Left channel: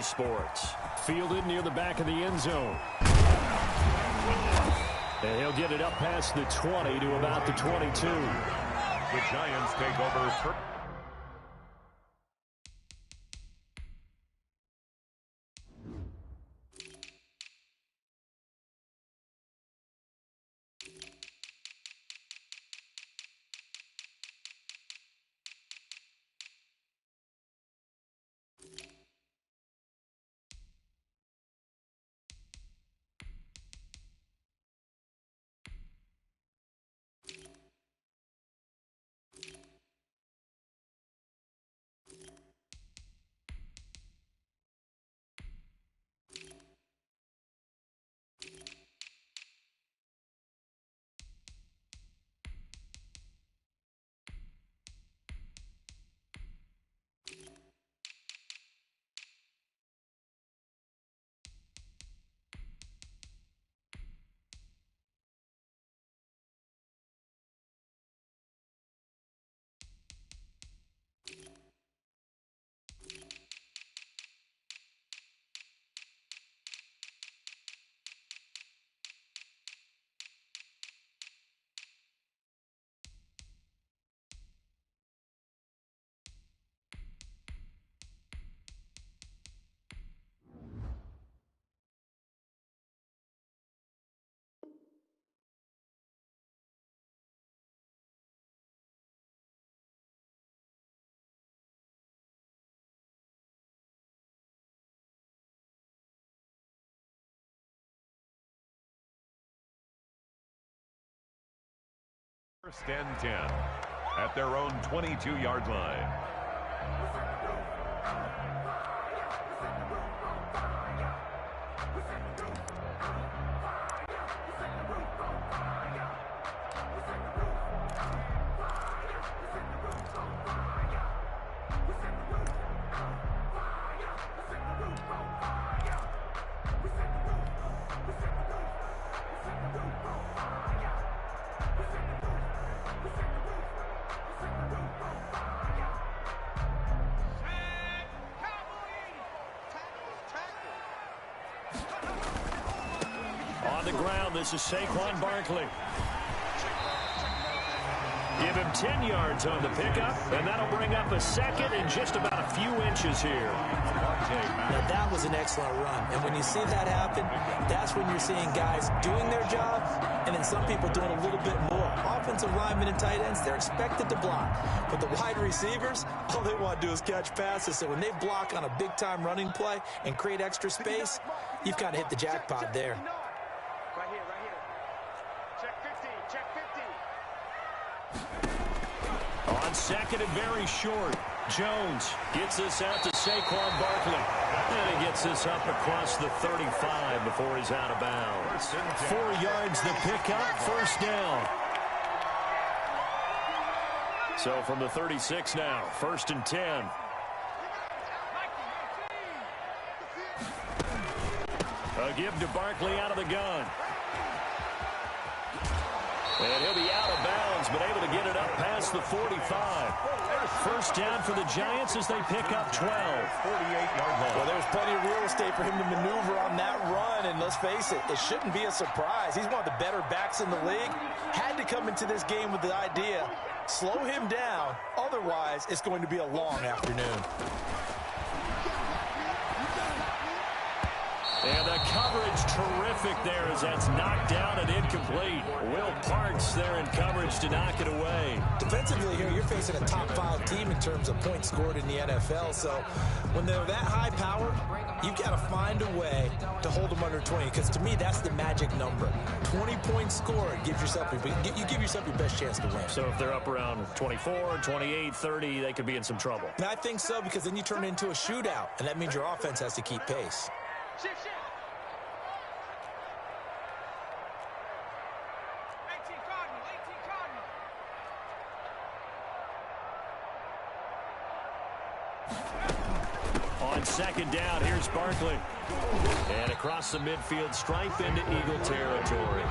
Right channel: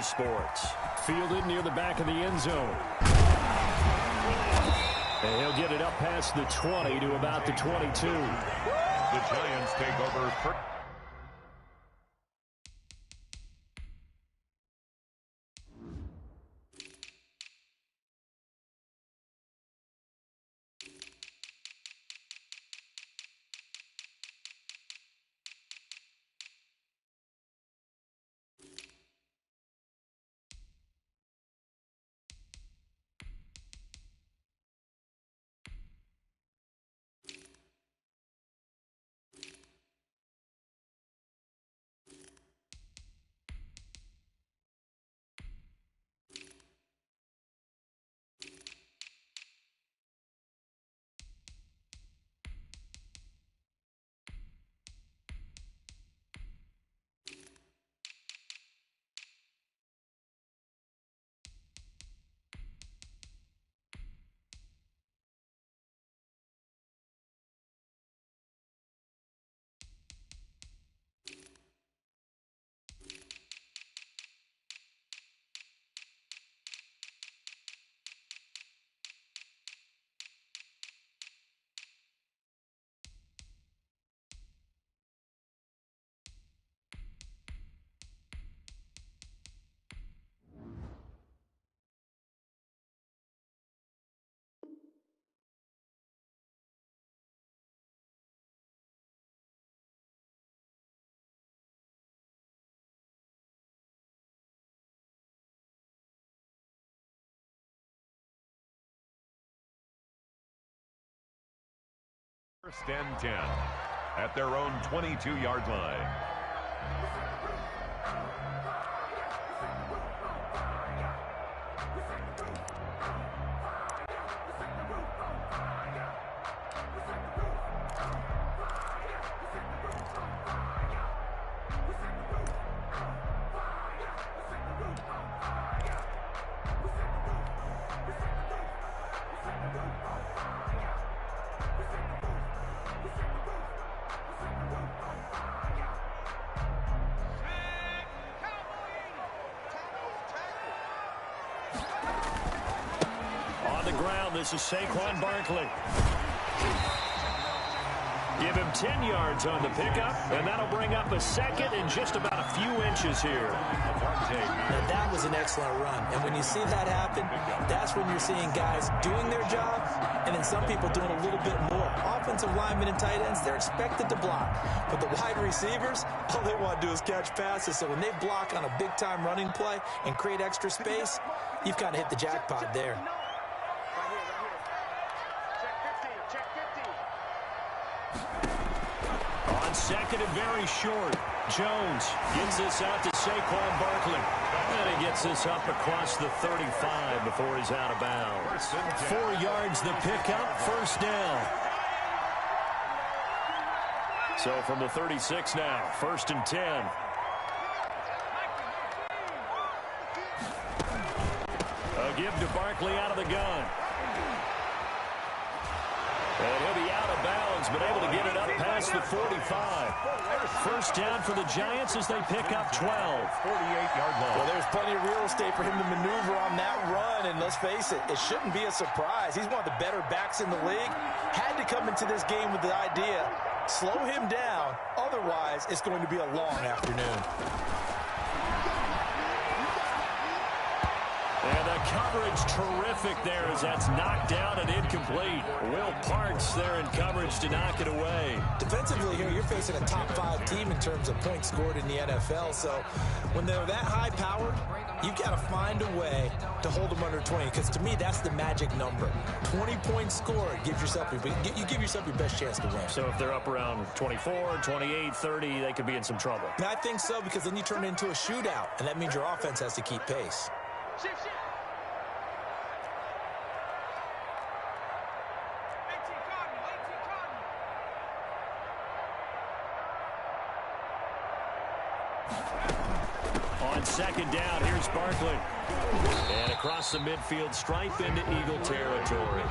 EA Sports. Fielded near the back of the end zone. And he'll get it up past the 20 to about the 22. The Giants take over. First and 10 at their own 22-yard line. On the ground, this is Saquon Barkley. Give him 10 yards on the pickup, and that'll bring up a second and just about a few inches here. Now, that was an excellent run, and when you see that happen, that's when you're seeing guys doing their job, and then some people doing a little bit more. Offensive linemen and tight ends, they're expected to block, but the wide receivers, all they want to do is catch passes, so when they block on a big-time running play and create extra space, you've kind of hit the jackpot there. Right here. Check 50. On second and very short, Jones gets this out to Saquon Barkley. And he gets this up across the 35 before he's out of bounds. 4 yards the pickup, first down. So from the 36 now, first and 10. A give to Barkley out of the gun. And he'll be out of bounds, but able to get it up past the 45. First down for the Giants as they pick up 12. 48-yard line. Well, there's plenty of real estate for him to maneuver on that run, and let's face it, it shouldn't be a surprise. He's one of the better backs in the league. Had to come into this game with the idea, slow him down, otherwise it's going to be a long afternoon. And the coverage terrific there as that's knocked down and incomplete. Will Parks there in coverage to knock it away. Defensively here, you're facing a top-5 team in terms of points scored in the NFL. So when they're that high-powered, you've got to find a way to hold them under 20. Because to me, that's the magic number. 20 points scored gives yourself, you give yourself your best chance to win. So if they're up around 24, 28, 30, they could be in some trouble. And I think so, because then you turn it into a shootout, and that means your offense has to keep pace. Shift. 18 Cardinal. On On second down, here's Barkley. And across the midfield stripe into Eagle territory.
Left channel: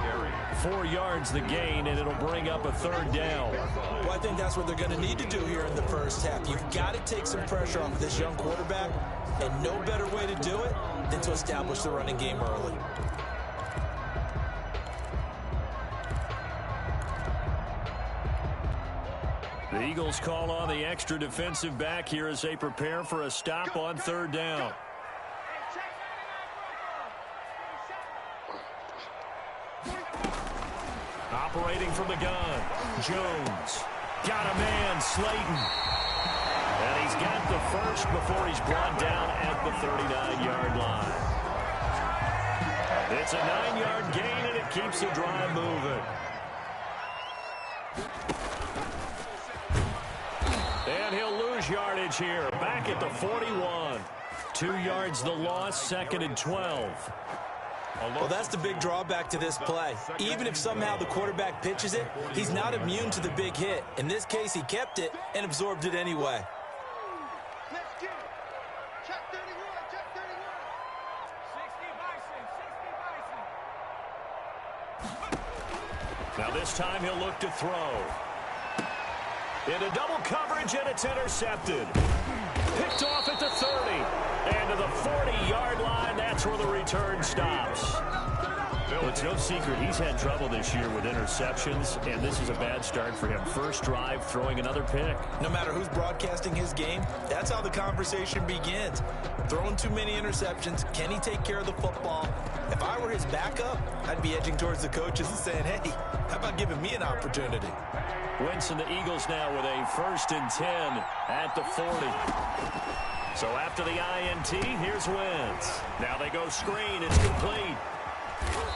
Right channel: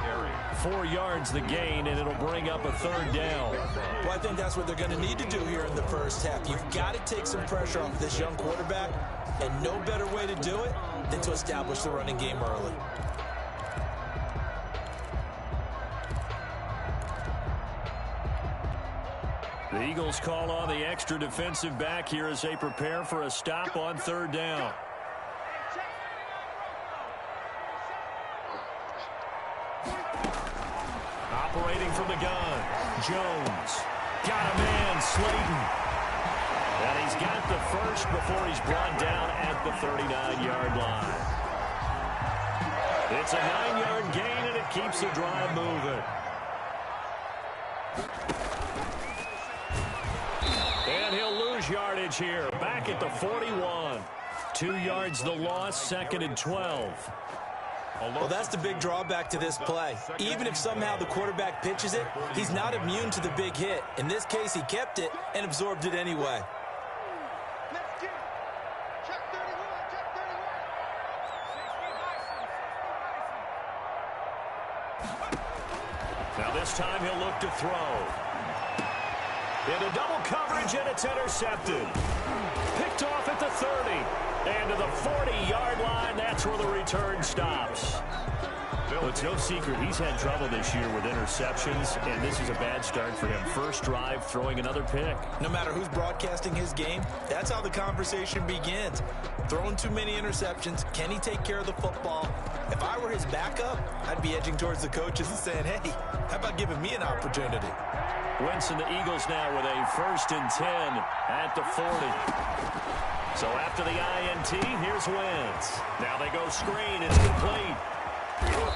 4 yards the gain, and it'll bring up a third down. Well, I think that's what they're going to need to do here in the first half. You've got to take some pressure off this young quarterback, and no better way to do it than to establish the running game early. The Eagles call on the extra defensive back here as they prepare for a stop on third down. Operating from the gun, Jones. Got a man, Slayton. And he's got the first before he's brought down at the 39-yard line. It's a 9-yard gain, and it keeps the drive moving. And he'll lose yardage here, back at the 41. 2 yards the loss, 2nd and 12. Well, that's the big drawback to this play. Even if somehow the quarterback pitches it, he's not immune to the big hit. In this case, he kept it and absorbed it anyway. Let's get it. Check 31, check 31. 60 Bison, 60 Bison. Now this time he'll look to throw. Into double coverage, and it's intercepted. Picked off at the 30. And to the 40-yard line, that's where the return stops. Well, it's no secret he's had trouble this year with interceptions, and this is a bad start for him. First drive, throwing another pick. No matter who's broadcasting his game, that's how the conversation begins. Throwing too many interceptions, can he take care of the football? If I were his backup, I'd be edging towards the coaches and saying, hey, how about giving me an opportunity? Wentz and the Eagles now with a 1st and 10 at the 40. So after the INT, here's Wentz. Now they go screen. It's complete.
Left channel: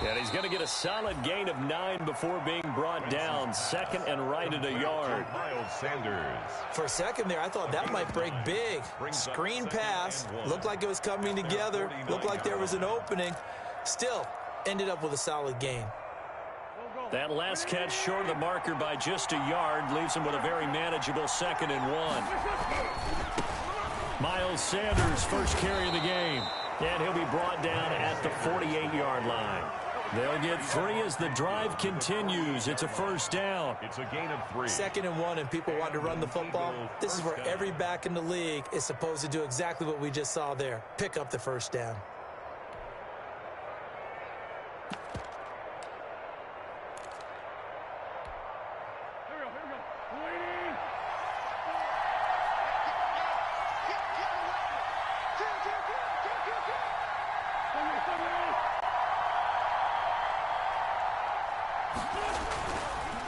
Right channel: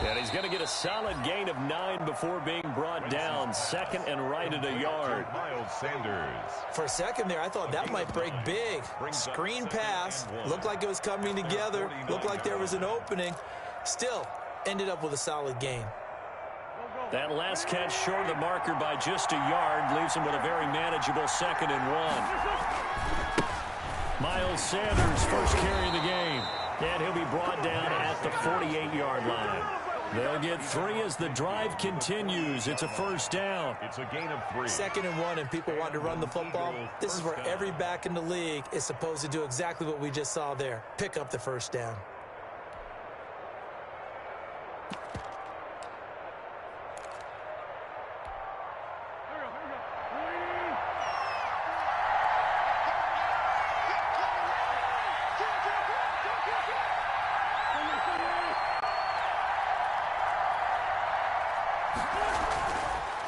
And he's going to get a solid gain of 9 before being brought down. 2nd and right at a yard. Miles Sanders. For a second there, I thought that might break big. Screen pass. Looked like it was coming together. Looked like there was an opening. Still, ended up with a solid gain. That last catch short of the marker by just a yard leaves him with a very manageable 2nd and 1. Miles Sanders first carry of the game. And he'll be brought down at the 48-yard line. They'll get 3 as the drive continues. It's a first down. It's a gain of 3. 2nd and 1, and people want to run the football. This is where every back in the league is supposed to do exactly what we just saw there. Pick up the first down.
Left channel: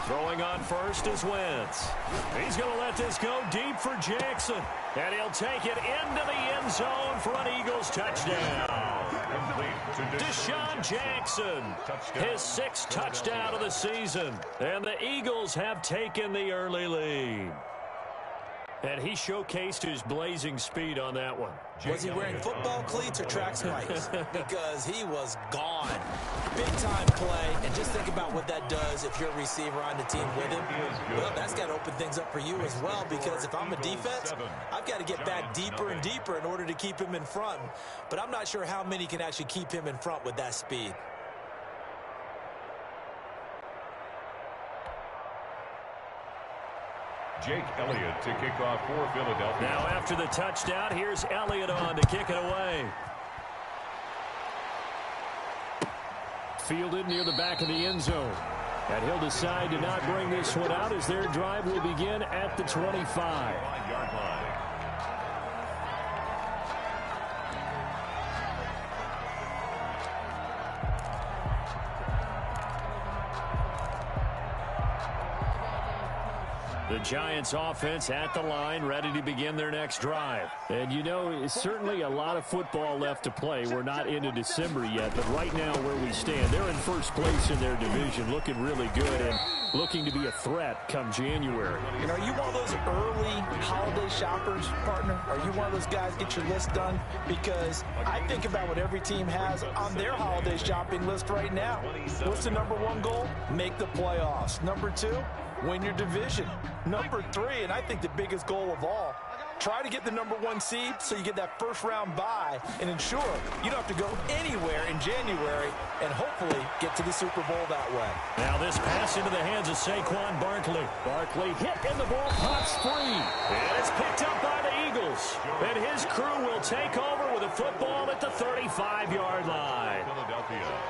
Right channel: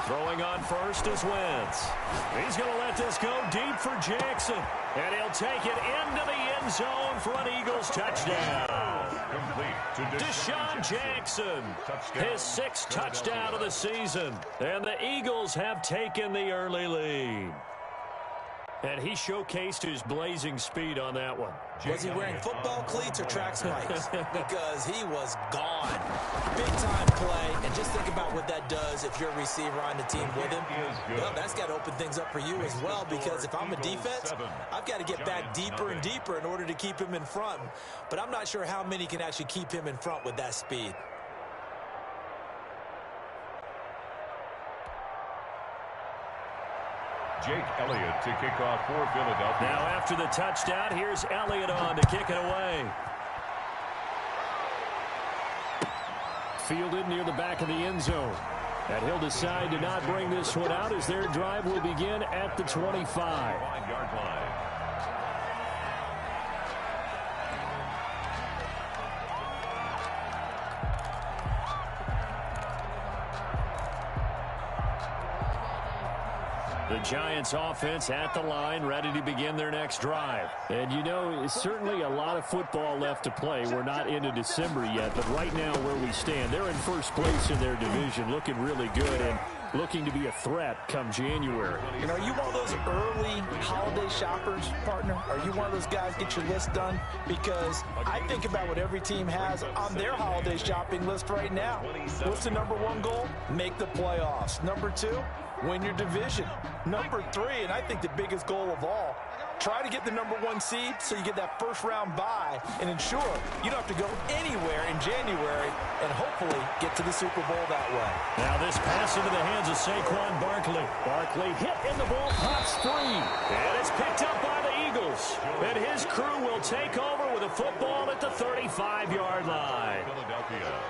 Throwing on first is Wentz. He's going to let this go deep for Jackson. And he'll take it into the end zone for an Eagles touchdown. Complete to Deshaun Jackson, his 6th touchdown of the season. And the Eagles have taken the early lead. And he showcased his blazing speed on that one. Was he wearing football cleats or track spikes? Because he was gone. Big-time play, and just think about what that does if you're a receiver on the team with him. Well, that's got to open things up for you as well, because if I'm a defense, I've got to get back deeper and deeper in order to keep him in front. But I'm not sure how many can actually keep him in front with that speed. Jake Elliott to kick off for Philadelphia. Now after the touchdown, here's Elliott on to kick it away. Fielded near the back of the end zone. And he'll decide to not bring this one out as their drive will begin at the 25. 5-yard line. The Giants offense at the line, ready to begin their next drive. And you know, it's certainly a lot of football left to play. We're not into December yet, but right now where we stand, they're in first place in their division, looking really good and looking to be a threat come January. And are you one of those early holiday shoppers, partner? Are you one of those guys get your list done? Because I think about what every team has on their holiday shopping list right now. What's the #1 goal? Make the playoffs. #2, win your division. #3, and I think the biggest goal of all, Try to get the #1 seed so you get that first-round bye and ensure you don't have to go anywhere in January and hopefully get to the Super Bowl that way. Now this pass into the hands of Saquon Barkley. Barkley hit and the ball pops free. And it's picked up by the Eagles. And his crew will take over with a football at the 35-yard line.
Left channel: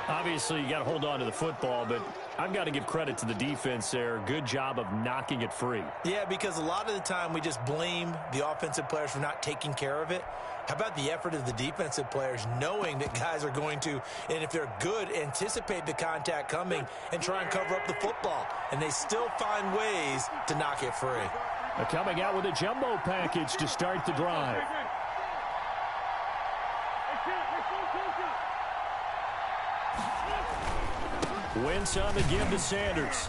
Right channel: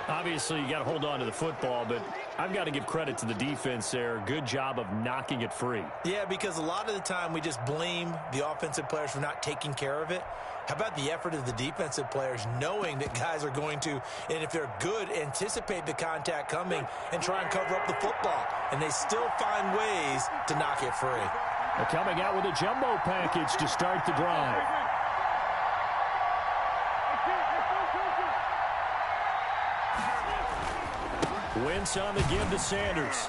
Obviously, you got to hold on to the football, but I've got to give credit to the defense there. Good job of knocking it free. Yeah, because a lot of the time we just blame the offensive players for not taking care of it. How about the effort of the defensive players knowing that guys are going to, and if they're good, anticipate the contact coming and try and cover up the football. And they still find ways to knock it free. They're coming out with a jumbo package to start the drive. Wentz on the give to Sanders.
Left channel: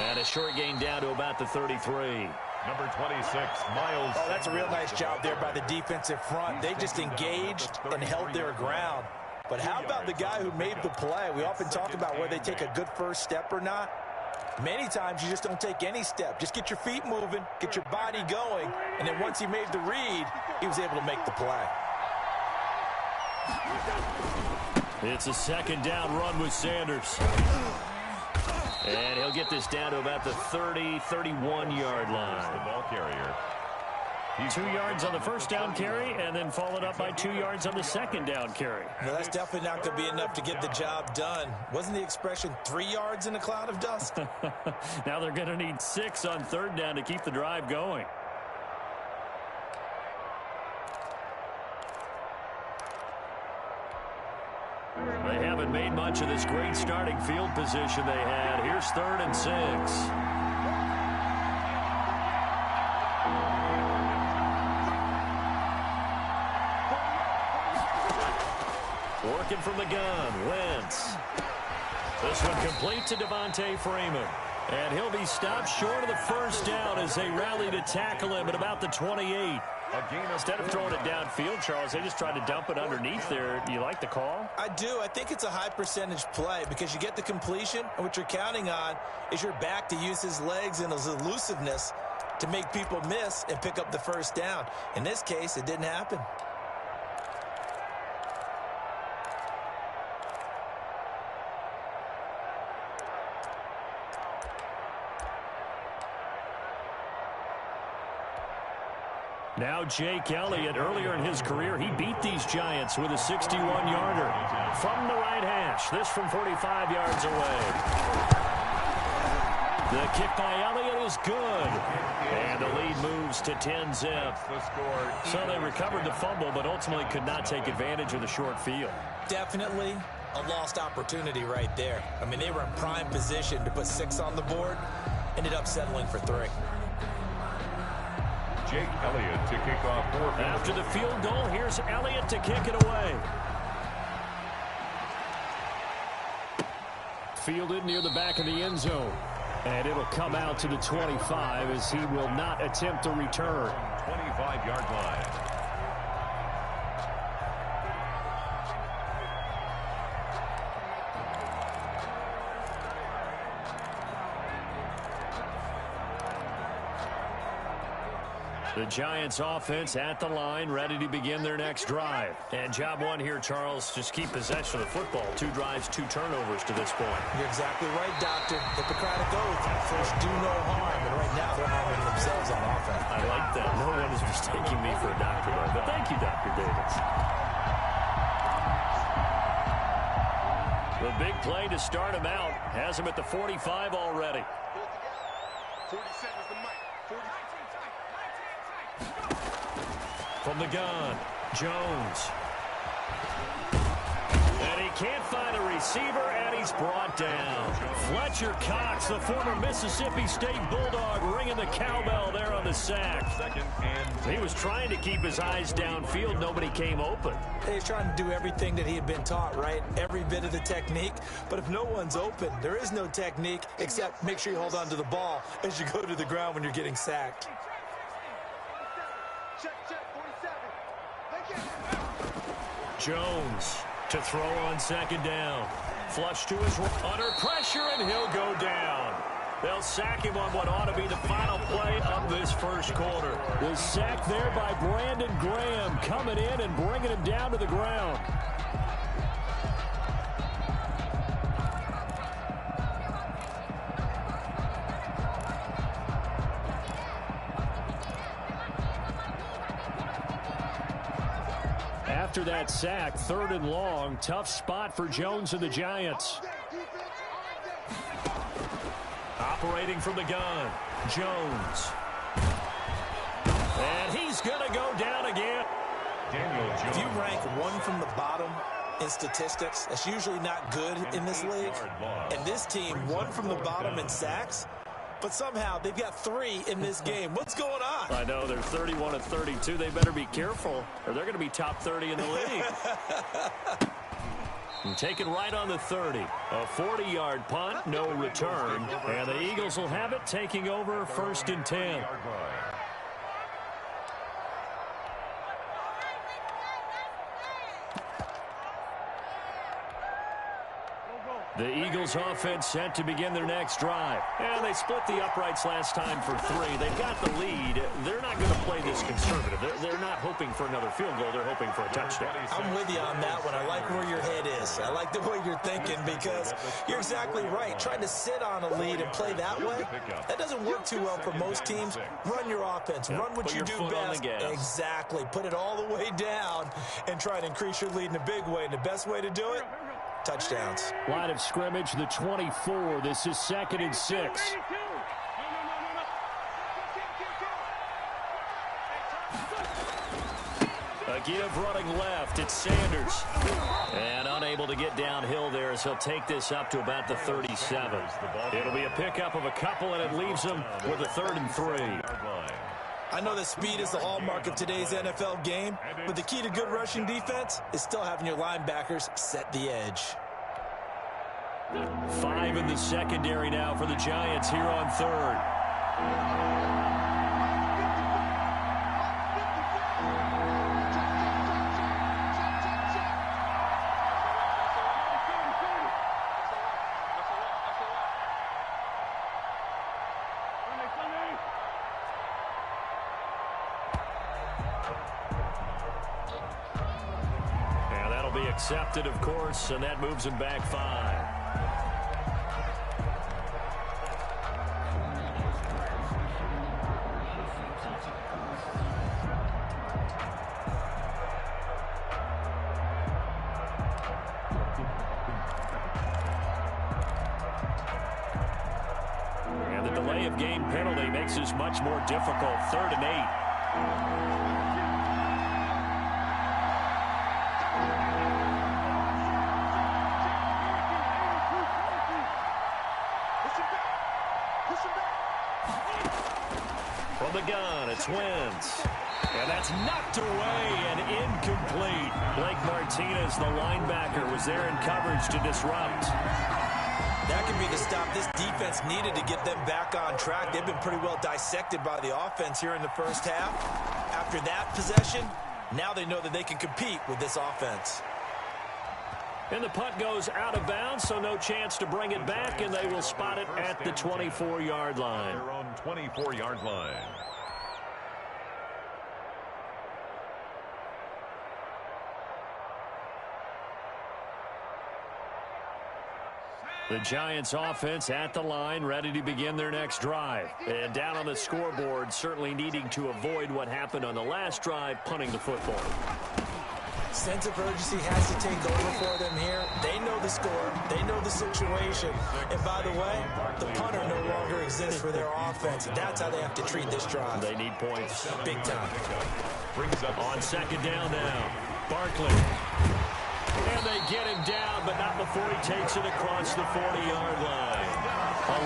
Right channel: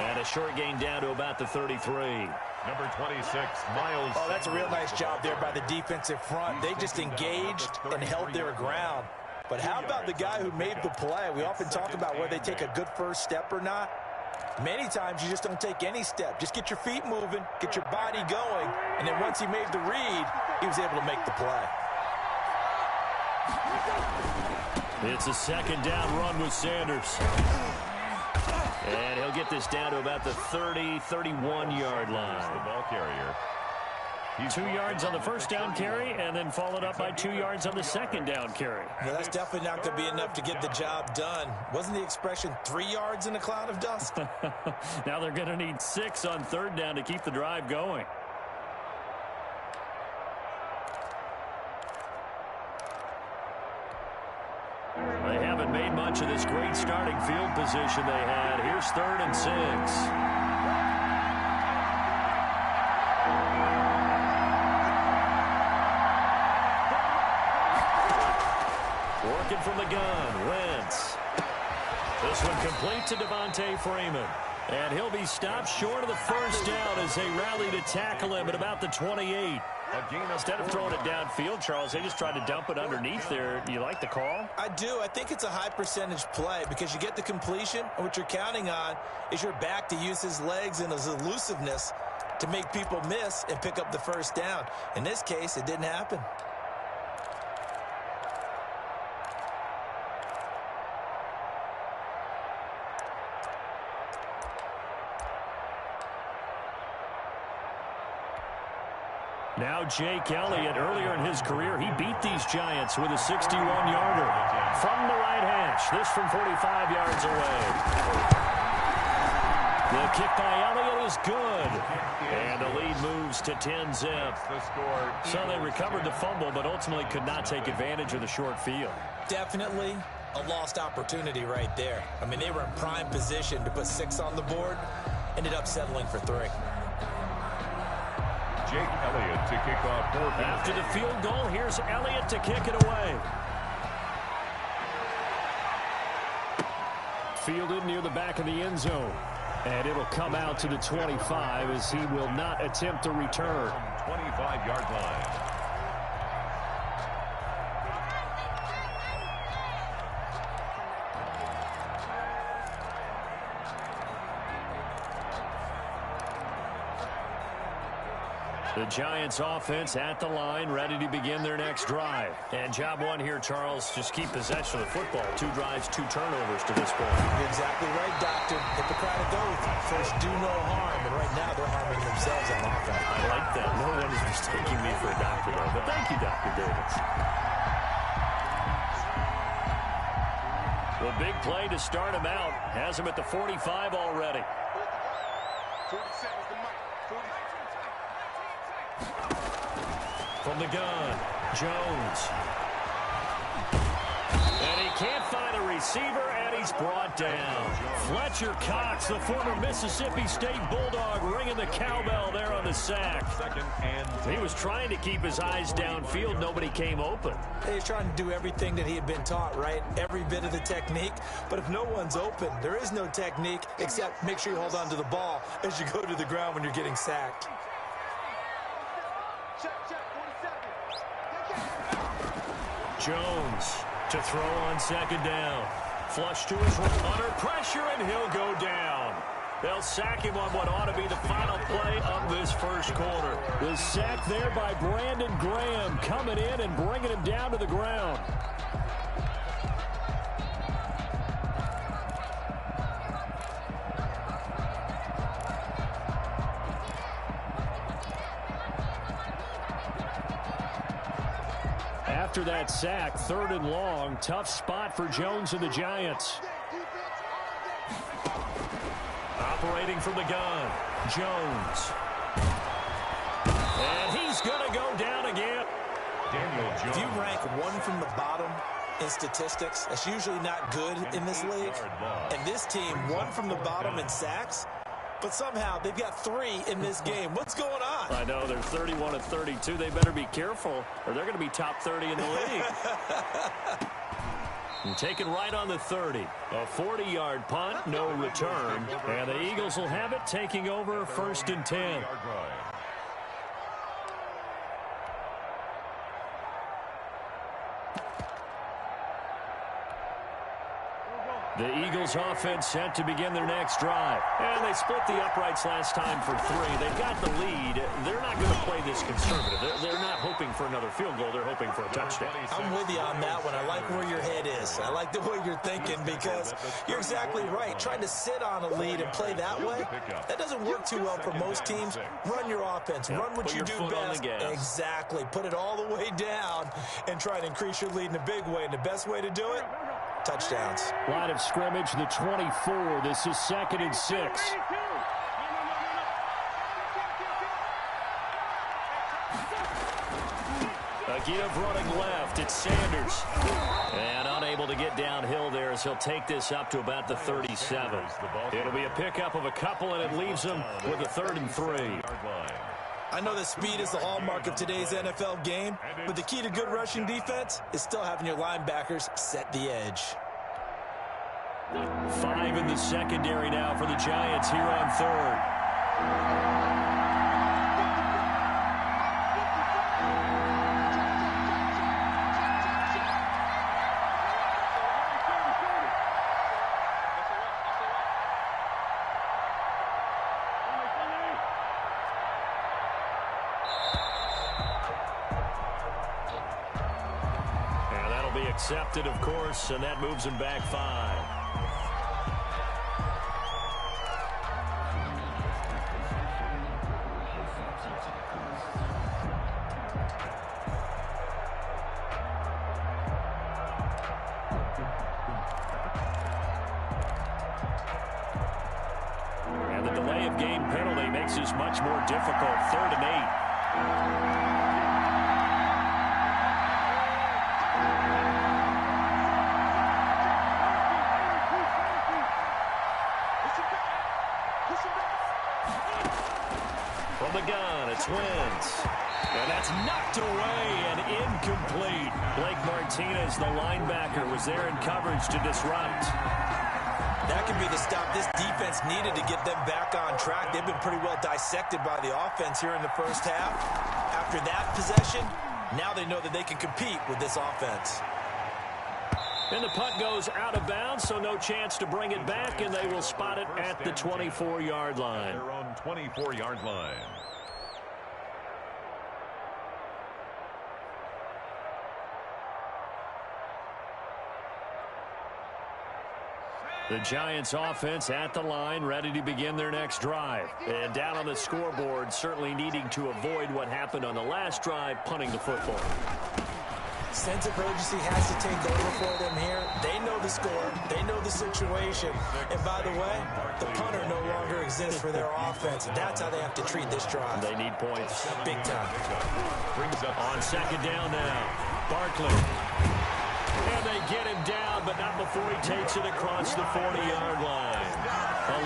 And a short gain down to about the 33. Number 26, Miles. Oh, that's a real nice job there by the defensive front. They just engaged and held their ground. But how about the guy who made the play? We often talk about whether they take a good first step or not. Many times you just don't take any step. Just get your feet moving, get your body going, and then once he made the read, he was able to make the play. It's a second down run with Sanders. And he'll get this down to about the 30, 31-yard line. The ball carrier. 2 yards on the first down carry, and then followed up by 2 yards on the second down carry. No, that's definitely not going to be enough to get the job done. Wasn't the expression 3 yards in a cloud of dust? Now they're going to need 6 on third down to keep the drive going. They haven't made much of this great starting field position they had. Here's 3rd and 6. Working from the gun, Wentz. This one complete to Devontae Freeman. And he'll be stopped short of the first down as they rally to tackle him at about the 28. Instead of throwing it downfield, Charles, they just tried to dump it underneath there. Do you like the call? I do. I think it's a high percentage play because you get the completion, and what you're counting on is your back to use his legs and his elusiveness to make people miss and pick up the first down. In this case, it didn't happen. Now Jake Elliott, earlier in his career, he beat these Giants with a 61-yarder from the right hash. This from 45 yards away. The kick by Elliott is good. And the lead moves to 10-zip. So they recovered the fumble, but ultimately could not take advantage of the short field. Definitely a lost opportunity right there. I mean, they were in prime position to put 6 on the board. Ended up settling for 3. Jake Elliott to kick off 4. After the field goal, here's Elliott to kick it away. Fielded near the back of the end zone. And it'll come out to the 25 as he will not attempt a return. 25-yard line. The Giants offense at the line, ready to begin their next drive. And job one here, Charles, just keep possession of the football. 2 drives, 2 turnovers to this point. You're exactly right, Doctor. Hippocratic oath. First, do no harm. And right now, they're harming themselves on offense. I like that. No one is mistaking me for a doctor, though. But thank you, Dr. Davis. The big play to start him out has him at the 45 already. 47 is the mic. 40. From the gun, Jones. And he can't find a receiver, and he's brought down. Fletcher Cox, the former Mississippi State Bulldog, ringing the cowbell there on the sack. He was trying to keep his eyes downfield. Nobody came open. He's trying to do everything that he had been taught, right? Every bit of the technique. But if no one's open, there is no technique except make sure you hold on to the ball as you go to the ground when you're getting sacked. Jones to throw on second down. Flush to his right. Under pressure, and he'll go down. They'll sack him on what ought to be the final play of this first quarter. The sack there by Brandon Graham coming in and bringing him down to the ground. After that sack, 3rd and long, tough spot for Jones and the Giants. Operating from the gun, Jones. And he's going to go down again. Daniel Jones. If you rank one from the bottom in statistics, that's usually not good in this league. And this team, one from the bottom in sacks, but somehow they've got 3 in this game. What's going on? I know, they're 31 and 32. They better be careful, or they're going to be top 30 in the league. And taken right on the 30. A 40-yard punt, no return. And the Eagles will have it, taking over 1st and 10. The Eagles offense set to begin their next drive. And they split the uprights last time for 3. They've got the lead. They're not going to play this conservative. They're not hoping for another field goal. They're hoping for a touchdown. I'm with you on that one. I like where your head is. I like the way you're thinking because you're exactly right. Trying to sit on a lead and play that way, that doesn't work too well for most teams. Run your offense. Run what you do best. Exactly. Put it all the way down and try to increase your lead in a big way. And the best way to do it, touchdowns. Line of scrimmage, the 24. This is 2nd and 6. A give running left. It's Sanders. And unable to get downhill there as he'll take this up to about the 37. It'll be a pickup of a couple, and it leaves him with a 3rd and 3. I know that speed is the hallmark of today's NFL game, but the key to good rushing defense is still having your linebackers set the edge. 5 in the secondary now for the Giants here on 3rd. Accepted, of course, and that moves him back 5. And the delay of game penalty makes this much more difficult. 3rd and 8. From the gun, it's Wentz. And that's knocked away and incomplete. Blake Martinez, the linebacker, was there in coverage to disrupt. That could be the stop this defense needed to get them back on track. They've been pretty well dissected by the offense here in the first half. After that possession, now they know that they can compete with this offense. And the punt goes out of bounds, so no chance to bring it back, and they will spot it at the 24-yard line. Their own 24-yard line. The Giants offense at the line, ready to begin their next drive. And down on the scoreboard, certainly needing to avoid what happened on the last drive, punting the football. Sense of urgency has to take over for them here. They know the score. They know the situation. And by the way, the punter no longer exists for their offense. That's how they have to treat this drive. They need points. Big time. On 2nd down now, Barkley. And they get him down, but not before he takes it across the 40-yard line.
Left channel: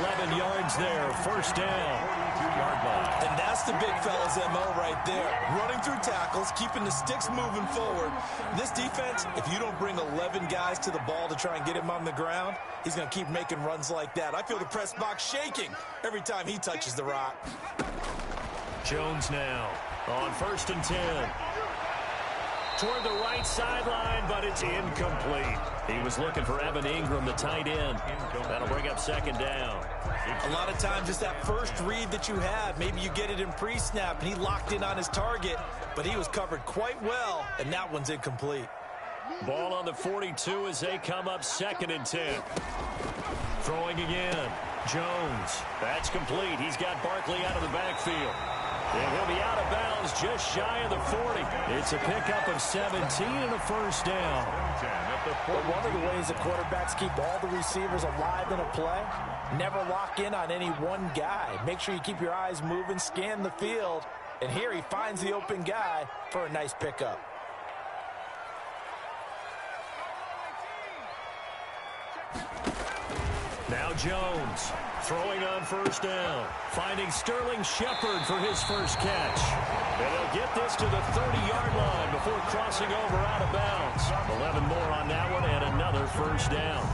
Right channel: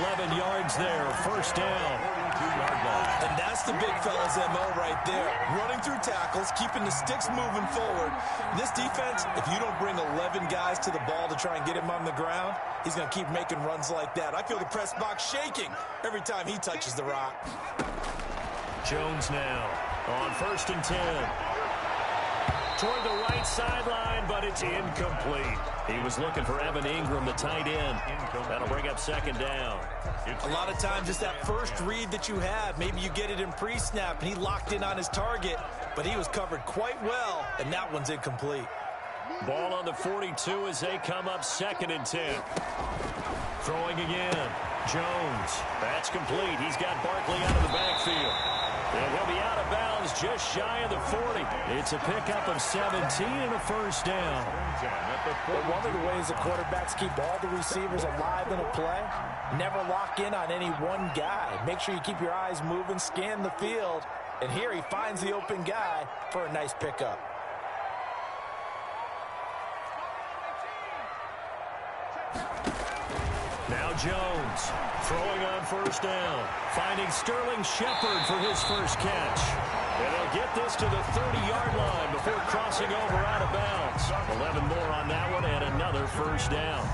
11 yards there, 1st down. 42-yard line. And that's the big fella's MO right there. Running through tackles, keeping the sticks moving forward. This defense, if you don't bring 11 guys to the ball to try and get him on the ground, he's going to keep making runs like that. I feel the press box shaking every time he touches the rock. Jones now on 1st and 10. Toward the right sideline, but it's incomplete. He was looking for Evan Ingram, the tight end. That'll bring up second down. A lot of times, just that first read that you have, maybe you get it in pre-snap, and he locked in on his target, but he was covered quite well, and that one's incomplete. Ball on the 42 as they come up 2nd and 10. Throwing again. Jones. That's complete. He's got Barkley out of the backfield. And he'll be out of bounds just shy of the 40. It's a pickup of 17 and a first down. But one of the ways the quarterbacks keep all the receivers alive in a play, never lock in on any one guy. Make sure you keep your eyes moving, scan the field. And here he finds the open guy for a nice pickup. Now Jones throwing on first down, finding Sterling Shepard for his first catch. And they'll get this to the 30-yard line before crossing over out of bounds. 11 more on that one and another first down.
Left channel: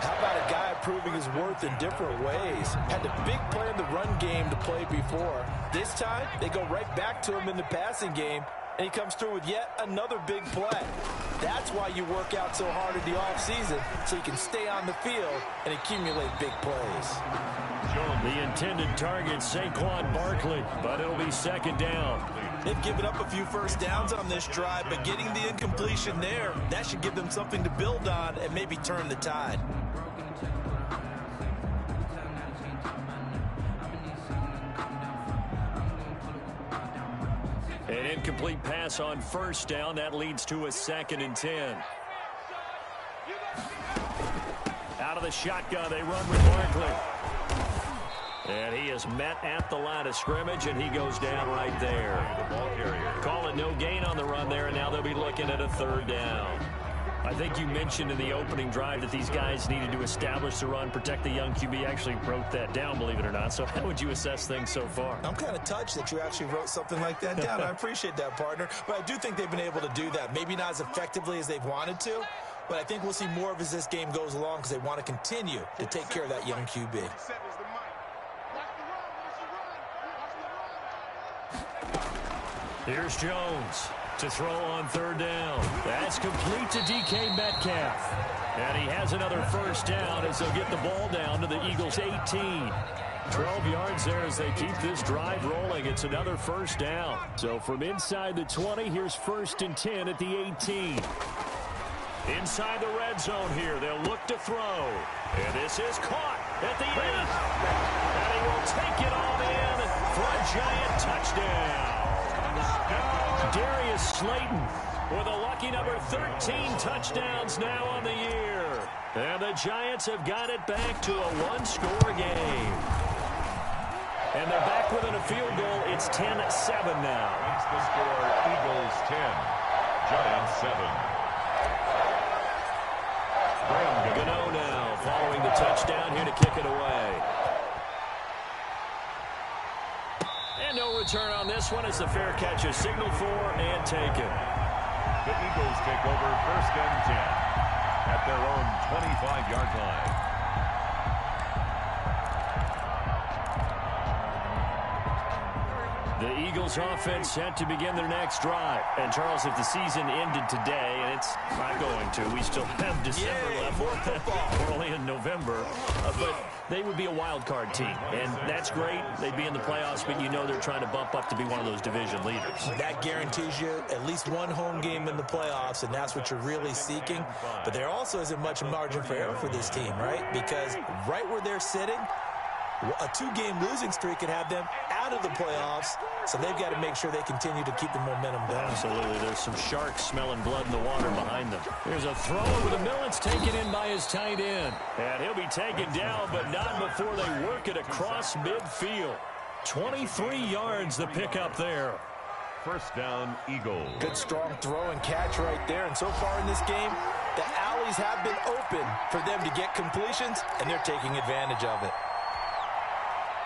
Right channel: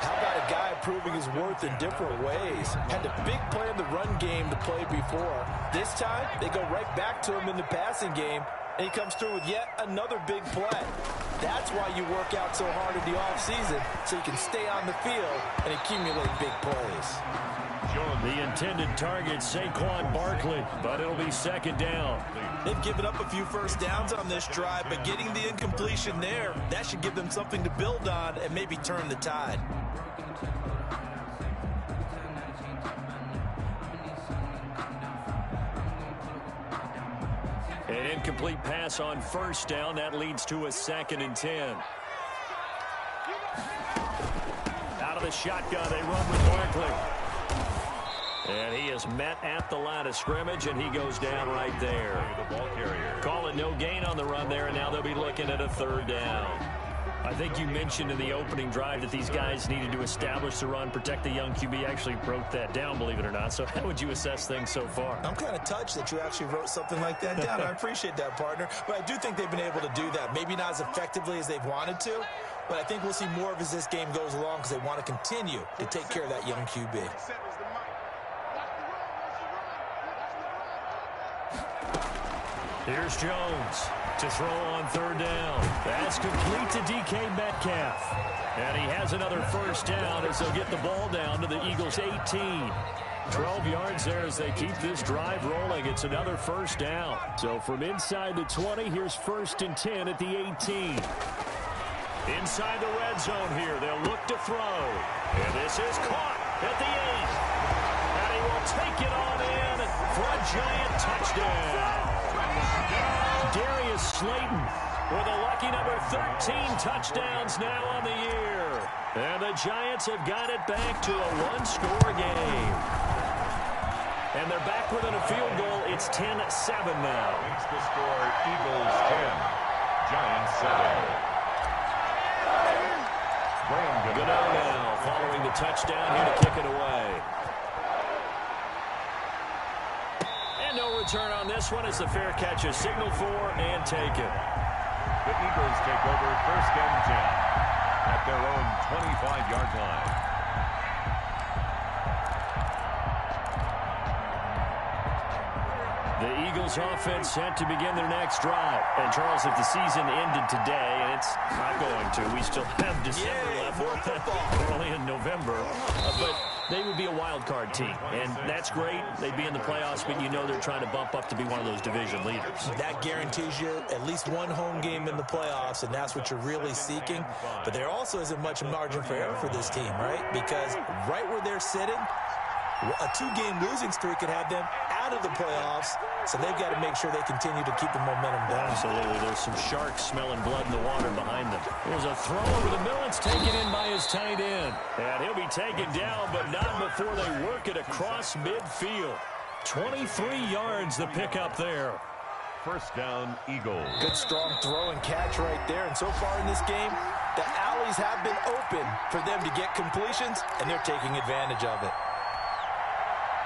How about a guy proving his worth in different ways? Had the big play in the run game to play before. This time, they go right back to him in the passing game, and he comes through with yet another big play. That's why you work out so hard in the offseason, so you can stay on the field and accumulate big plays. The intended target, Saquon Barkley, but it'll be second down. They've given up a few first downs on this drive, but getting the incompletion there, that should give them something to build on and maybe turn the tide. An incomplete pass on first down. That leads to a 2nd and 10. Out of the shotgun, they run with Barkley. And he is met at the line of scrimmage, and he goes down right there. The ball carrier. Call it no gain on the run there, and now they'll be looking at a 3rd down. I think you mentioned in the opening drive that these guys needed to establish the run, protect the young QB. Actually wrote that down, believe it or not. So how would you assess things so far? I'm kind of touched that you actually wrote something like that down. I appreciate that, partner. But I do think they've been able to do that. Maybe not as effectively as they've wanted to, but I think we'll see more of as this game goes along because they want to continue to take care of that young QB. Here's Jones to throw on 3rd down. That's complete to DK Metcalf. And he has another first down as they'll get the ball down to the Eagles' 18. 12 yards there as they keep this drive rolling. It's another first down. So from inside the 20, here's 1st and 10 at the 18. Inside the red zone here, they'll look to throw. And this is caught at the 8. And he will take it on in for a giant touchdown. Darius Slayton with a lucky number 13 touchdowns now on the year. And the Giants have got it back to a one-score game. And they're back within a field goal. It's 10-7 now. Makes the score Eagles 10, Giants 7. Goodens now following the touchdown here to kick it away. And no return on this one as the fair catch is signaled for and taken. The Eagles take over 1st and 10 at their own 25-yard line. The Eagles offense set to begin their next drive. And Charles, if the season ended today, and it's not going to, we still have December left. We're only in November. But they would be a wild card team. And that's great. They'd be in the playoffs, but you know they're trying to bump up to be one of those division leaders. That guarantees you at least one home game in the playoffs, and that's what you're really seeking. But there also isn't much margin for error for this team, right? Because right where they're sitting, a 2-game losing streak could have them out of the playoffs, so they've got to make sure they continue to keep the momentum down. Absolutely. There's some sharks smelling blood in the water behind them. Here's a throw over the middle. It's taken in by his tight end. And he'll be taken down, but not before they work it across midfield. 23 yards the pickup there. 1st down, Eagles. Good strong throw and catch right there. And so far in this game, the alleys have been open for them to get completions, and they're taking advantage of it.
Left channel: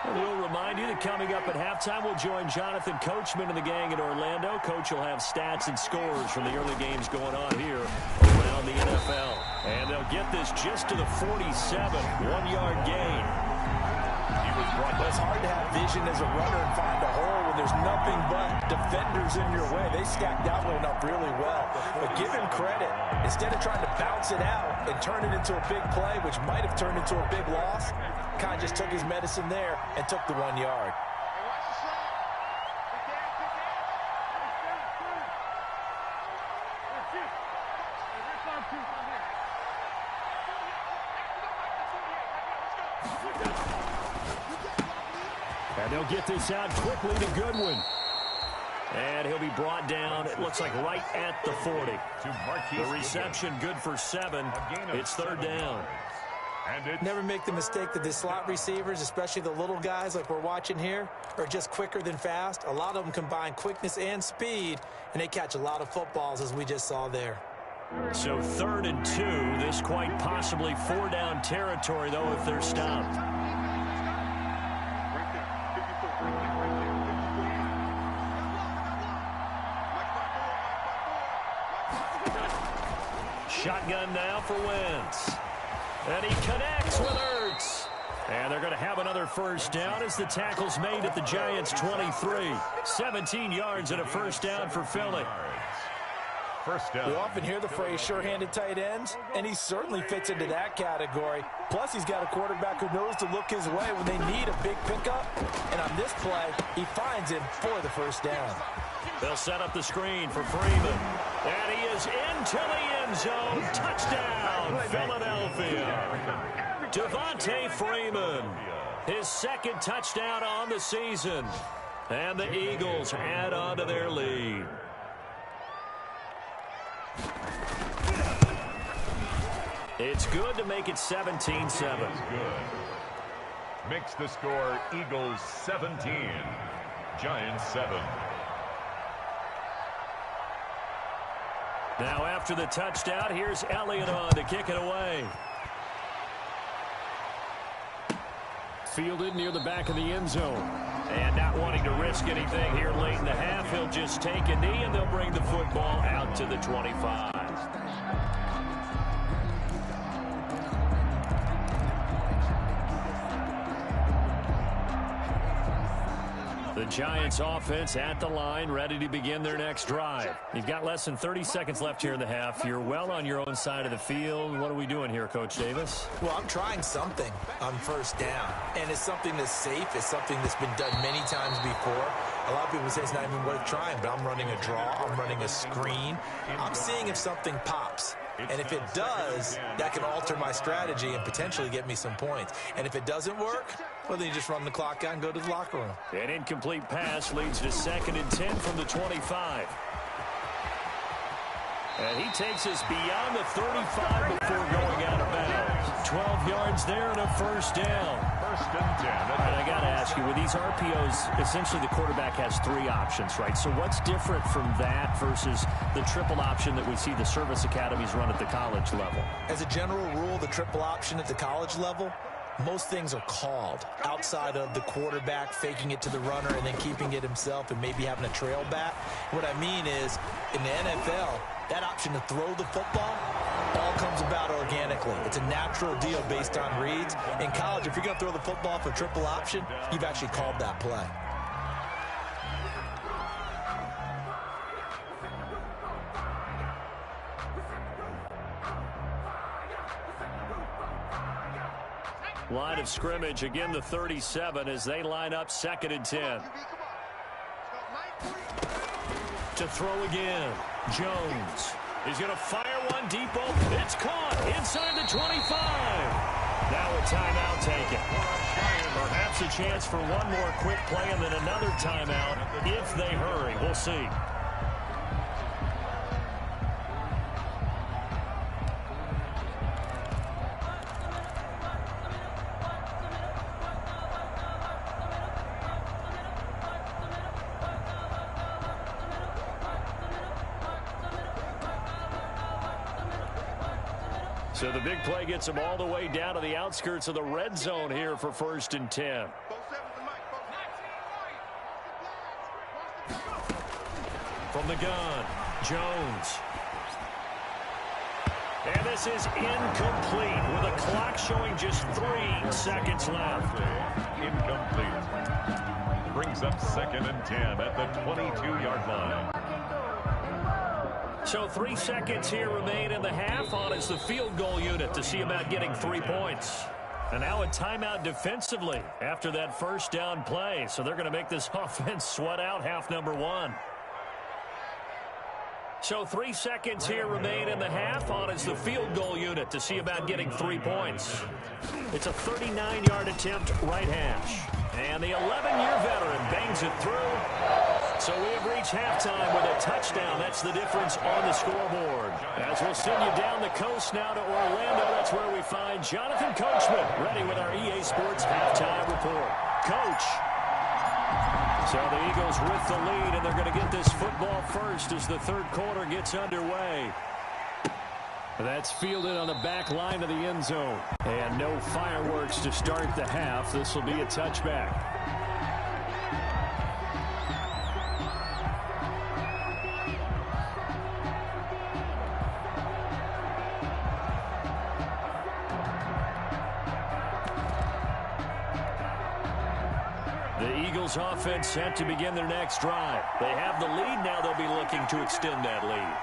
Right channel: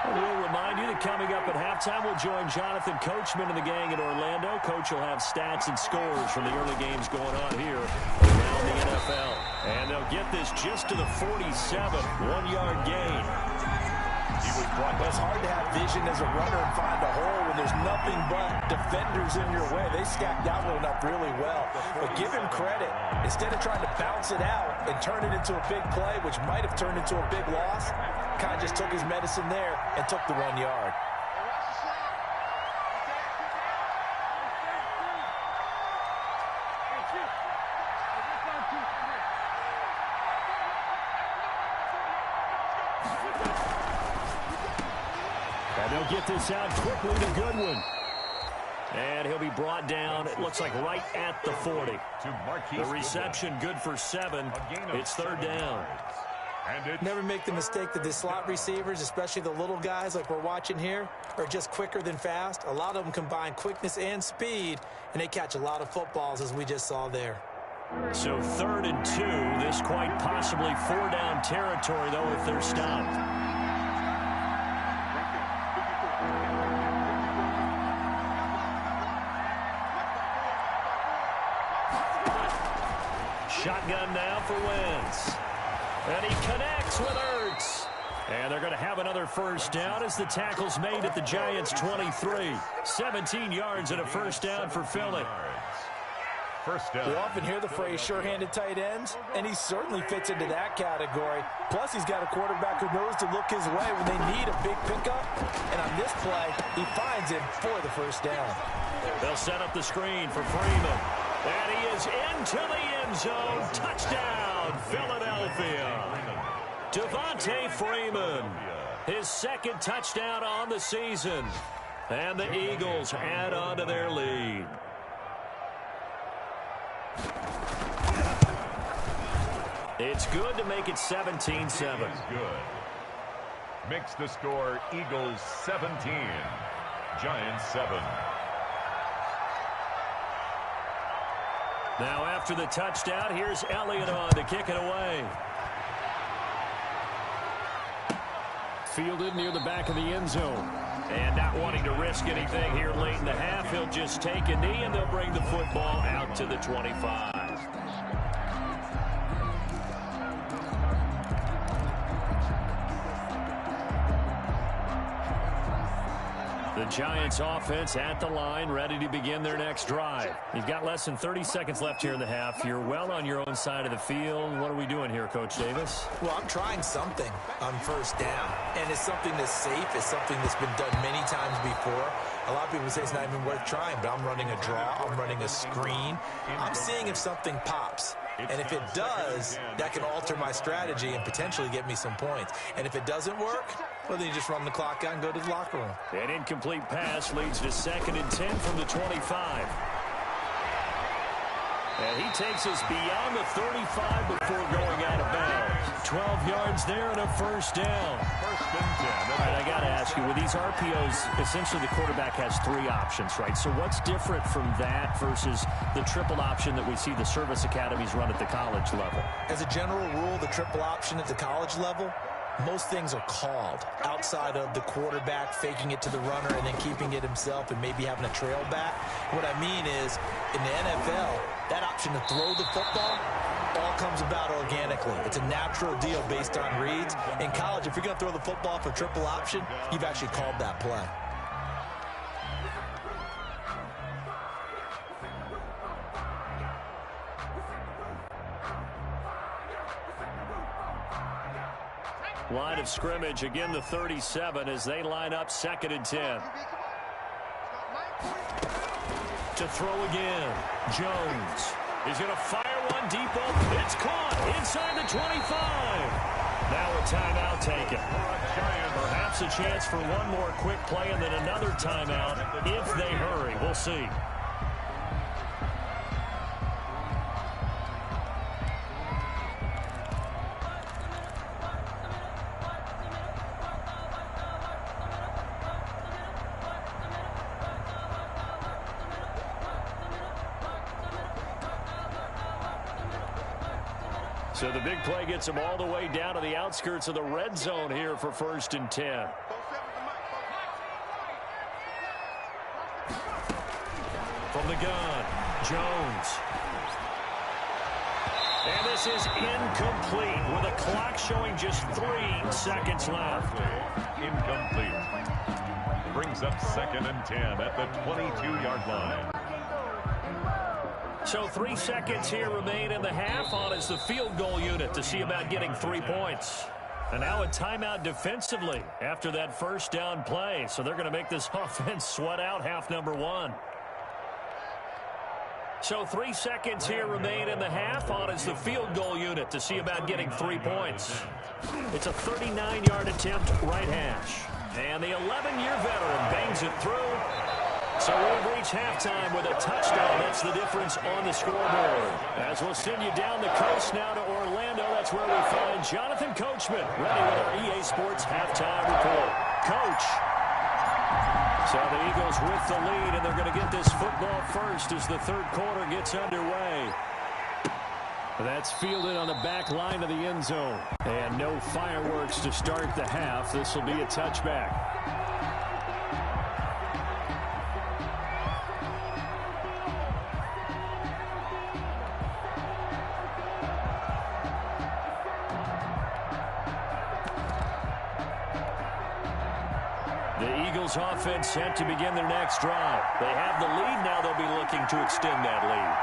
And we'll remind you that coming up at halftime, we'll join Jonathan Coachman and the gang in Orlando. Coach will have stats and scores from the early games going on here around the NFL. And they'll get this just to the 47, 1-yard gain. He was brought down. It's hard to have vision as a runner and find a hole when there's nothing but defenders in your way. They stacked that one up really well. But give him credit. Instead of trying to bounce it out and turn it into a big play, which might have turned into a big loss, kind of just took his medicine there and took the 1 yard. Hey, watch the slant. Good dance, good dance. That's it. Hey, this one, too. Come here. Let's go. And they'll get this out quickly to Goodwin. And he'll be brought down, it looks like right at the 40. The reception good for 7. It's 3rd down. Never make the mistake that the slot receivers, especially the little guys like we're watching here, are just quicker than fast. A lot of them combine quickness and speed, and they catch a lot of footballs, as we just saw there. So 3rd and 2. This quite possibly 4-down territory, though, if they're stopped. Shotgun now for Wentz. And he connects with Ertz. And they're going to have another 1st down as the tackle's made at the Giants' 23. 17 yards and a 1st down for Philly. 1st down. We often hear the phrase sure-handed tight ends, and he certainly fits into that category. Plus, he's got a quarterback who knows to look his way when they need a big pickup. And on this play, he finds him for the 1st down. They'll set up the screen for Freeman. And he is into the end zone. Touchdown, Philadelphia. Devontae Freeman, his 2nd touchdown on the season. And the Eagles add on to their lead. It's good to make it 17-7. Good. Makes the score Eagles 17, Giants 7. Now after the touchdown, here's Elliott on to kick it away. Fielded near the back of the end zone. And not wanting to risk anything here late in the half, he'll just take a knee and they'll bring the football out to the 25. The Giants offense at the line, ready to begin their next drive. You've got less than 30 seconds left here in the half. You're well on your own side of the field. What are we doing here, Coach Davis? Well, I'm trying something on 1st down, and it's something that's safe. It's something that's been done many times before. A lot of people say it's not even worth trying, but I'm running a draw. I'm running a screen. I'm seeing if something pops. And if it does, that can alter my strategy and potentially get me some points. And if it doesn't work, well, then you just run the clock out and go to the locker room. An incomplete pass leads to 2nd and 10 from the 25. And he takes us beyond the 35 before going out of bounds. 12 yards there and a 1st down. 1st and 10. All right, I got to ask you, with these RPOs, essentially the quarterback has 3 options, right? So what's different from that versus the triple option that we see the service academies run at the college level? As a general rule, the triple option at the college level, most things are called outside of the quarterback faking it to the runner and then keeping it himself and maybe having a trail back. What I mean is, in the NFL, that option to throw the football all comes about organically. It's a natural deal based on reads. In college, if you're going to throw the football for triple option, you've actually called that play. Line of scrimmage, again the 37 as they line up 2nd and 10. To throw again, Jones. He's going to fire one deep open. It's caught inside the 25. Now a timeout taken. Perhaps a chance for one more quick play and then another timeout if they hurry. We'll see. So the big play gets him all the way down to the outskirts of the red zone here for 1st and 10. From the gun, Jones. And this is incomplete with a clock showing just 3 seconds left. Incomplete. Brings up 2nd and 10 at the 22-yard line. So 3 seconds here remain in the half. On is the field goal unit to see about getting 3 points. And now a timeout defensively after that first down play. So they're going to make this offense sweat out half number 1. So 3 seconds here remain in the half. On is the field goal unit to see about getting 3 points. It's a 39-yard attempt right hash. And the 11-year veteran bangs it through. So we have reached halftime with a touchdown. That's the difference on the scoreboard. As we'll send you down the coast now to Orlando, that's where we find Jonathan Coachman ready with our EA Sports halftime report. Coach. So the Eagles with the lead, and they're going to get this football first as the third quarter gets underway. That's fielded on the back line of the end zone. And no fireworks to start the half. This will be a touchback. The Eagles offense set to begin their next drive. They have the lead. Now they'll be looking to extend that lead.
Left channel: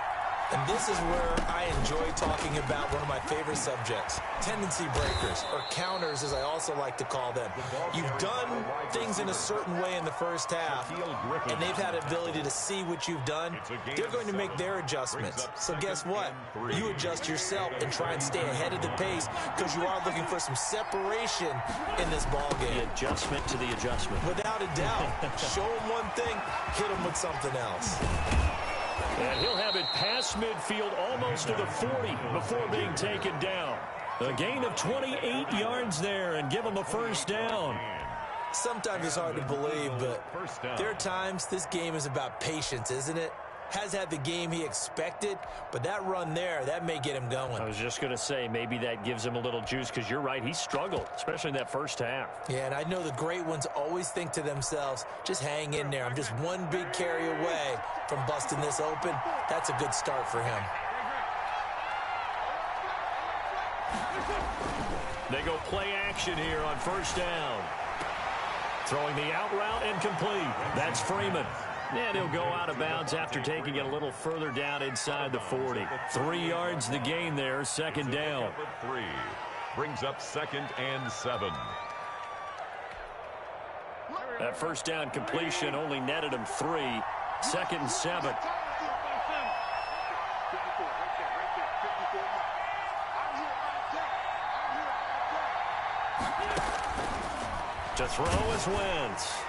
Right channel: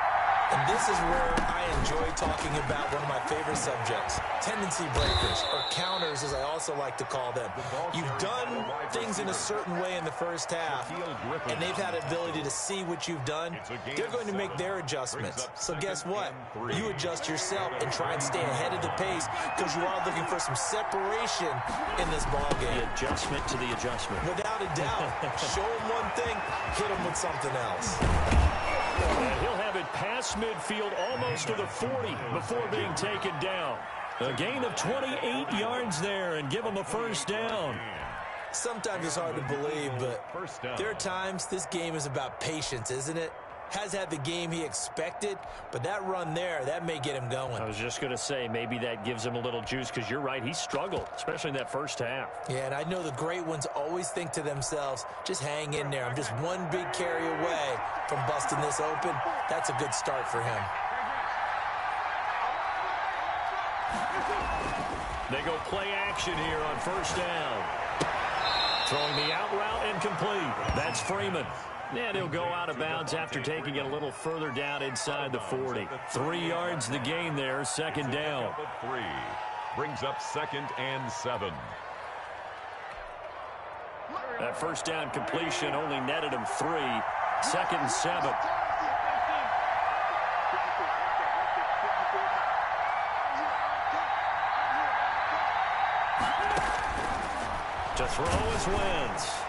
And this is where I enjoy talking about one of my favorite subjects, tendency breakers, or counters as I also like to call them. You've done things in a certain way in the first half, and they've had the ability to see what you've done. They're going to make their adjustments. So guess what? You adjust yourself and try and stay ahead of the pace because you are looking for some separation in this ball game. The adjustment to the adjustment. Without a doubt. Show them one thing, hit them with something else. And he'll have it past midfield almost to the 40 before being taken down. A gain of 28 yards there and give him a first down. Sometimes it's hard to believe, but there are times this game is about patience, isn't it? Has had the game he expected, but that run there, that may get him going. I was just going to say, maybe that gives him a little juice because you're right, he struggled, especially in that first half. Yeah, and I know the great ones always think to themselves, just hang in there. I'm just one big carry away from busting this open. That's a good start for him. They go play action here on first down. Throwing the out route incomplete. That's Freeman. And he'll go out of bounds after taking it a little further down inside the 40. 3 yards the gain there, second down. 3 brings up 2nd and 7. That first down completion only netted him 3. 2nd and 7. To throw is Wentz.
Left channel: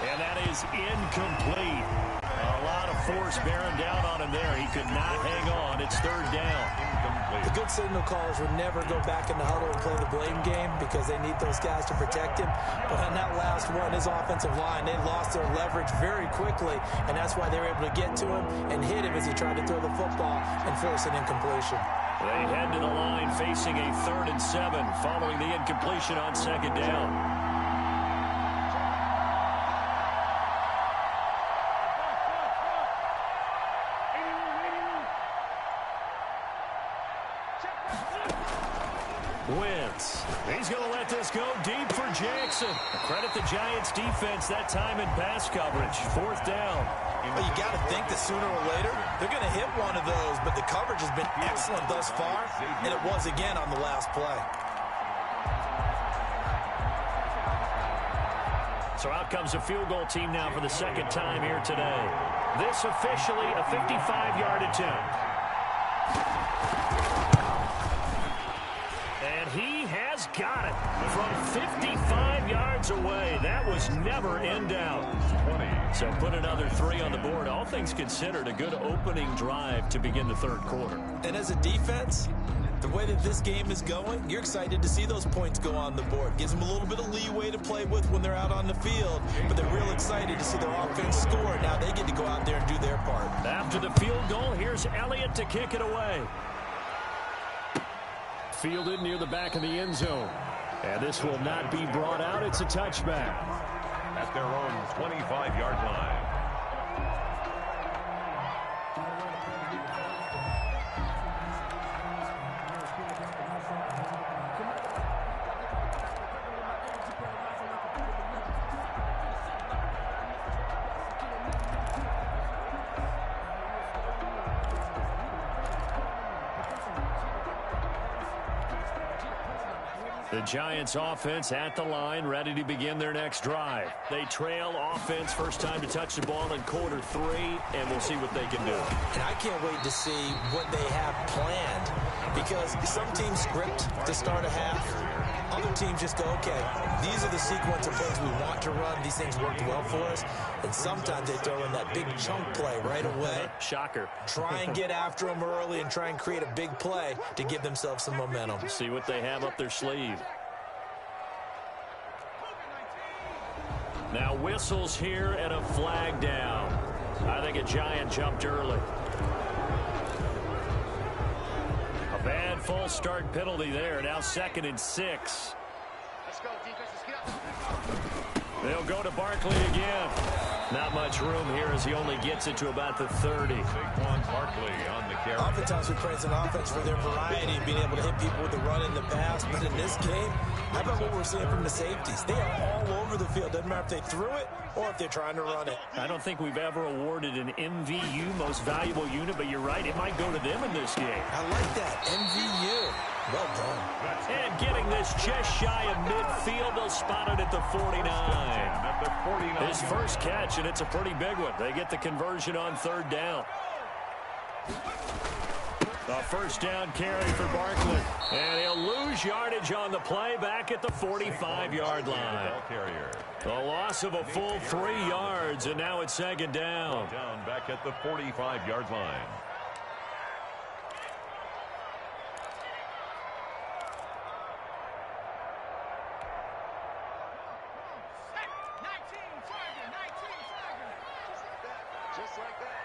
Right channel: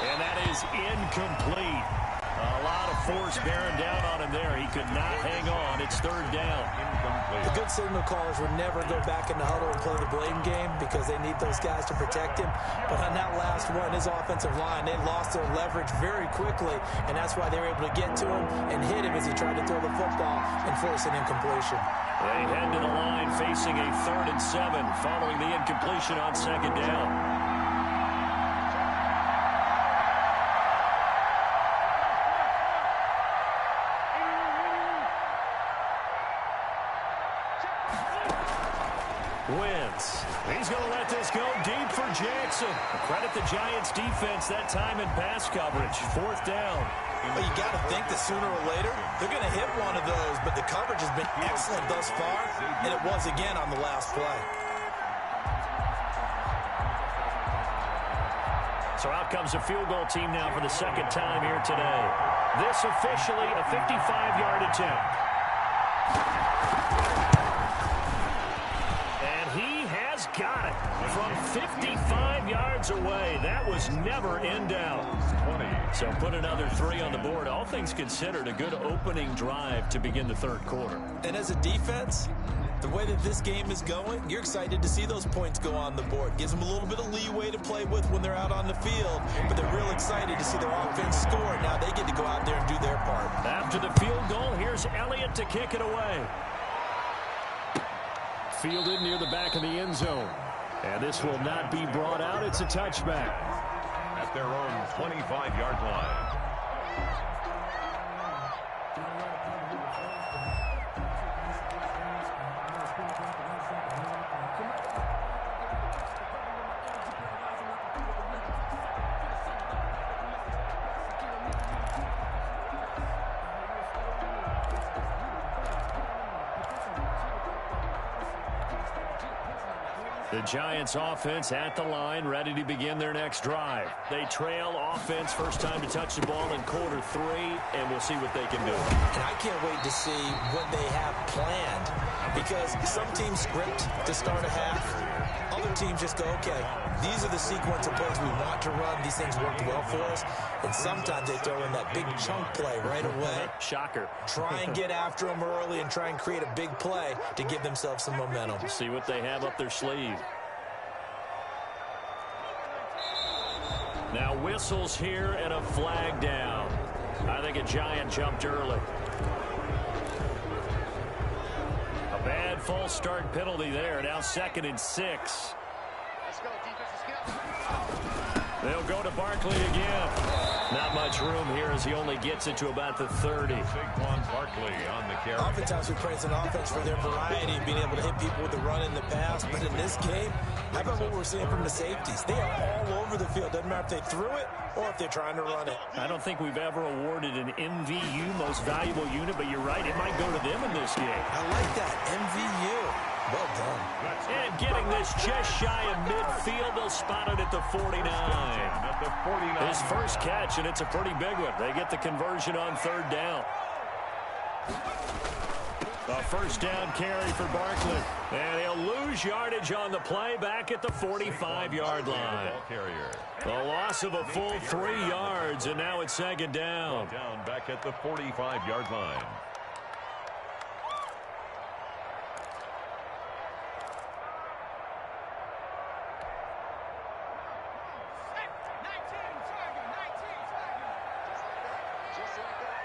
And that is incomplete. A lot of force bearing down on him there. He could not hang on. It's third down. Incomplete. The good signal callers would never go back in the huddle and play the blame game because they need those guys to protect him. But on that last one, his offensive line, they lost their leverage very quickly, and that's why they were able to get to him and hit him as he tried to throw the football and force an incompletion. They head to the line facing a 3rd and 7 following the incompletion on second down. Wentz. He's going to let this go deep for Jackson. Credit the Giants defense that time in pass coverage. 4th down. But you got to think that sooner or later they're going to hit one of those, but the coverage has been excellent thus far, and it was again on the last play. So out comes the field goal team now for the second time here today. This officially a 55-yard attempt. And he has got it from 55 yards away. That was never in doubt. 20. So put another 3 on the board. All things considered, a good opening drive to begin the third quarter. And as a defense, the way that this game is going, you're excited to see those points go on the board. Gives them a little bit of leeway to play with when they're out on the field, but they're real excited to see their offense score. Now they get to go out there and do their part. After the field goal, here's Elliott to kick it away. Fielded near the back of the end zone. And this will not be brought out. It's a touchback. At their own 25-yard line. The Giants offense at the line, ready to begin their next drive. They trail offense, first time to touch the ball in quarter 3, and we'll see what they can do. And I can't wait to see what they have planned, because some teams script to start a half. Other teams just go, okay, these are the sequence of plays we want to run. These things worked well for us. And sometimes they throw in that big chunk play right away. Shocker. Try and get after them early and try and create a big play to give themselves some momentum. See what they have up their sleeve. Now whistles here and a flag down. I think a Giant jumped early. A bad false start penalty there. Now 2nd and 6. Let's go, defense. Let's get up. They'll go to Barkley again. Not much room here as he only gets it to about the 30. Saquon Barkley on the carry. Oftentimes we praise an offense for their variety and being able to hit people with the run in the pass. But in this game, how about what we're seeing from the safeties? They are all over the field. Doesn't matter if they threw it or if they're trying to run it. I don't think we've ever awarded an MVU, most valuable unit, but you're right, it might go to them in this game. I like that. MVU. Well done. And getting this just shy of midfield, they'll spot it at the 49. At the 49. His first catch, and it's a pretty big one. They get the conversion on 3rd down. A first down carry for Barkley. And he'll lose yardage on the play back at the 45-yard line. The loss of a full 3 yards, and now it's 2nd down. Down back at the 45-yard line. Just like that.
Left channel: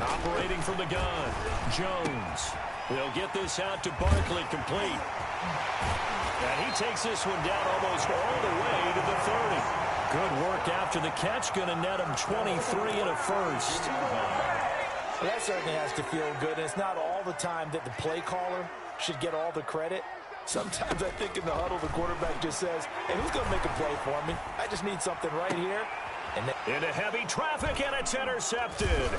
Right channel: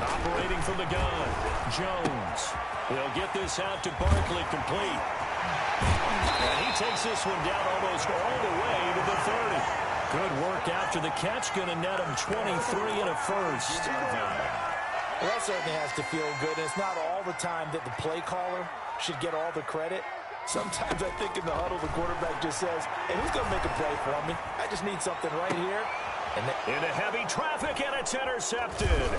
Operating from the gun, Jones. They'll get this out to Barkley, complete. And he takes this one down almost all the way to the 30. Good work after the catch, going to net him 23 and a first. Well, that certainly has to feel good. And it's not all the time that the play caller should get all the credit. Sometimes I think in the huddle, the quarterback just says, hey, who's going to make a play for me? I just need something right here. And into heavy traffic, and it's intercepted.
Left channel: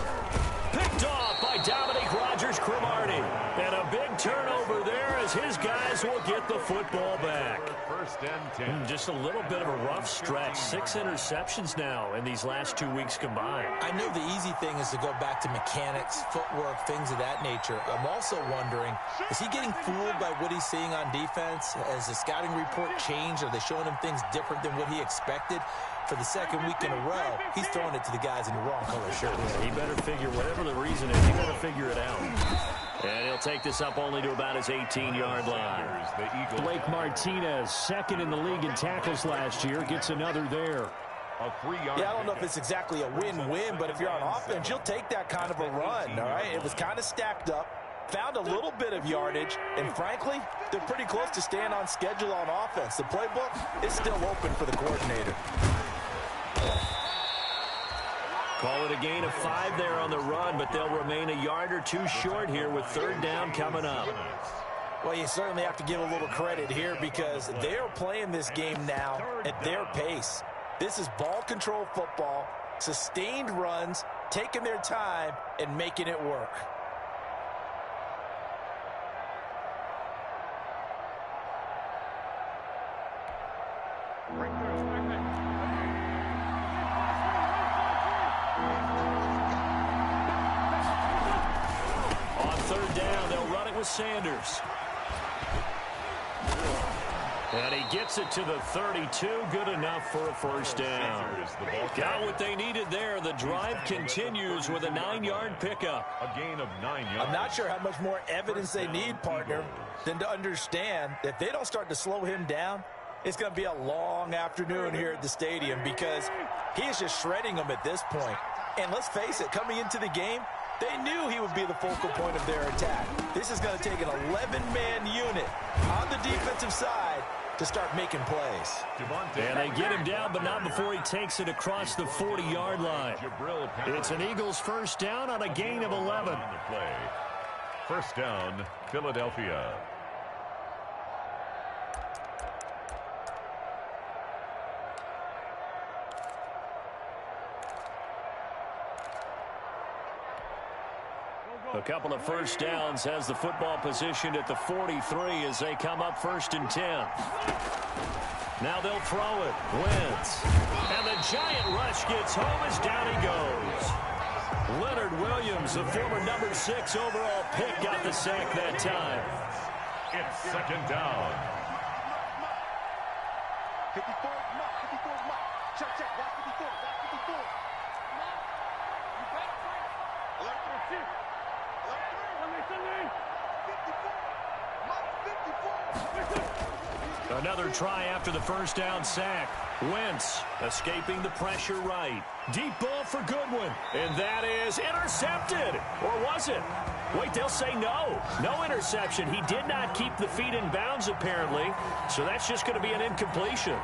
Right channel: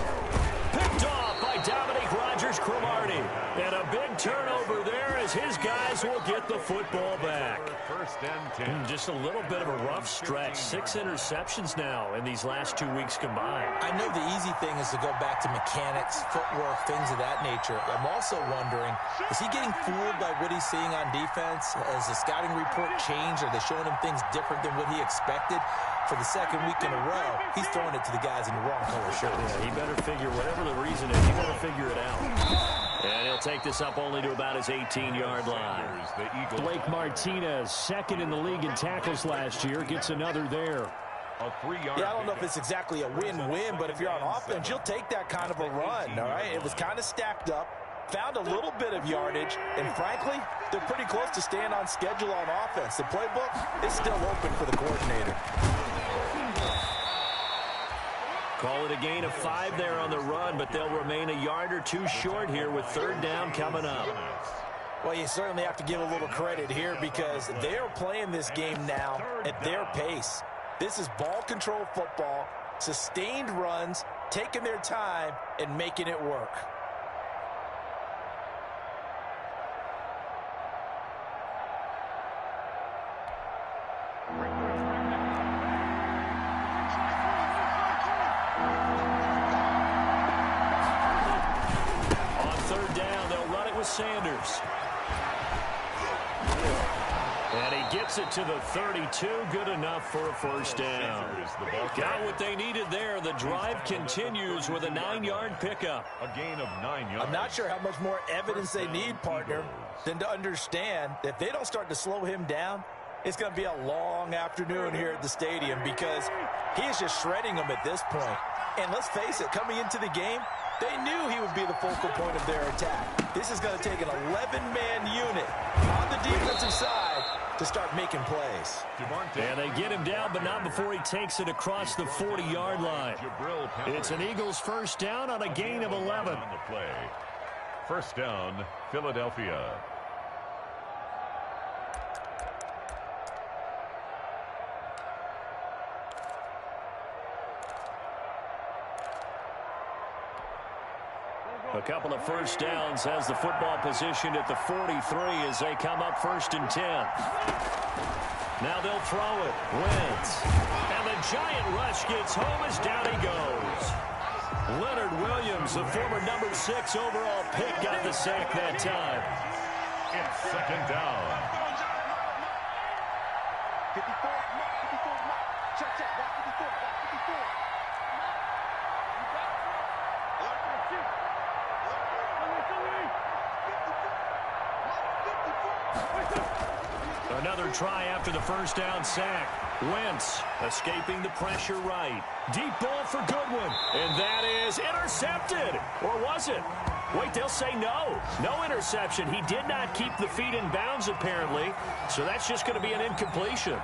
Picked off by Dominique Rodgers-Cromartie. And a big turnover there as his guys will get the football back. 1st and 10. Just a little bit of a rough stretch. 6 interceptions now in these last 2 weeks combined. I know the easy thing is to go back to mechanics, footwork, things of that nature. I'm also wondering, is he getting fooled by what he's seeing on defense? Has the scouting report changed? Are they showing him things different than what he expected? For the 2nd week in a row, he's throwing it to the guys in the wrong color shirts. Yeah, he better figure, whatever the reason is, he better figure it out. And he'll take this up only to about his 18-yard line. Blake Martinez, 2nd in the league in tackles last year, gets another there. A 3-yard. Yeah, I don't know if it's exactly a win-win, but if you're on offense, you'll take that kind of a run, all right? It was kind of stacked up, found a little bit of yardage, and frankly, they're pretty close to staying on schedule on offense. The playbook is still open for the coordinator. Call it a gain of 5 there on the run, but they'll remain a yard or 2 short here with 3rd down coming up. Well, you certainly have to give a little credit here because they're playing this game now at their pace. This is ball control football, sustained runs, taking their time, and making it work. On 3rd down, they'll run it with Sanders. And he gets it to the 32. Good enough for a first down. Got what they needed there. The drive continues with a 9-yard pickup. A gain of 9 yards. I'm not sure how much more evidence they need, partner, than to understand that if they don't start to slow him down, it's going to be a long afternoon here at the stadium because he is just shredding them at this point. And let's face it, coming into the game, they knew he would be the focal point of their attack. This is going to take an 11-man unit on the defensive side to start making plays. And they get him down, but not before he takes it across the 40-yard line. It's an Eagles first down on a gain of 11. On the play. First down, Philadelphia. A couple of first downs, has the football positioned at the 43 as they come up 1st and 10. Now they'll throw it. Wentz. And the giant rush gets home as down he goes. Leonard Williams, the former number 6 overall pick, got the sack that time. It's 2nd down. 54, mark, 54, mark. Check, watch 54, watch 54. You better bring. Alert 3. Alert 3. 54, mark 54. Another try after the first down sack. Wentz escaping the pressure right. Deep ball for Goodwin. And that is intercepted. Or was it? Wait, they'll say no. No interception. He did not keep the feet in bounds, apparently. So that's just going to be an incompletion.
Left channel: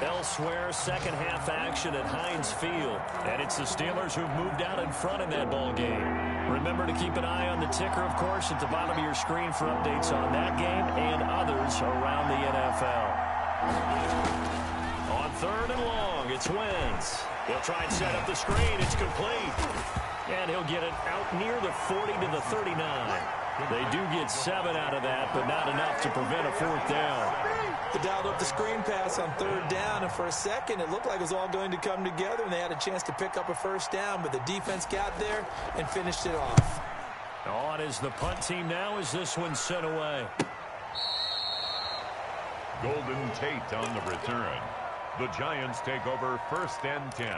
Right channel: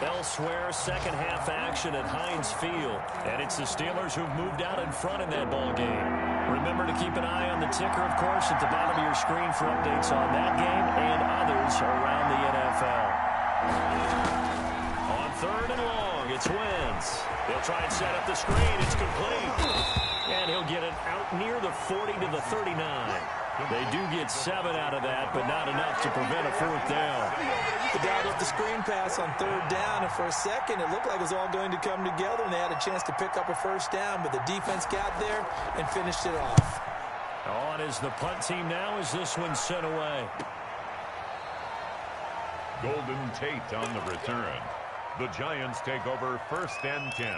Elsewhere, second half action at Heinz Field. And it's the Steelers who've moved out in front in that ball game. Remember to keep an eye on the ticker, of course, at the bottom of your screen for updates on that game and others around the NFL. On 3rd and long, it's Wentz. He'll try and set up the screen. It's complete. And he'll get it out near the 40 to the 39. They do get 7 out of that, but not enough to prevent a 4th down. They dialed up the screen pass on 3rd down, and for a second, it looked like it was all going to come together, and they had a chance to pick up a 1st down, but the defense got there and finished it off. On is the punt team now as this one's sent away. Golden Tate on the return. The Giants take over 1st and 10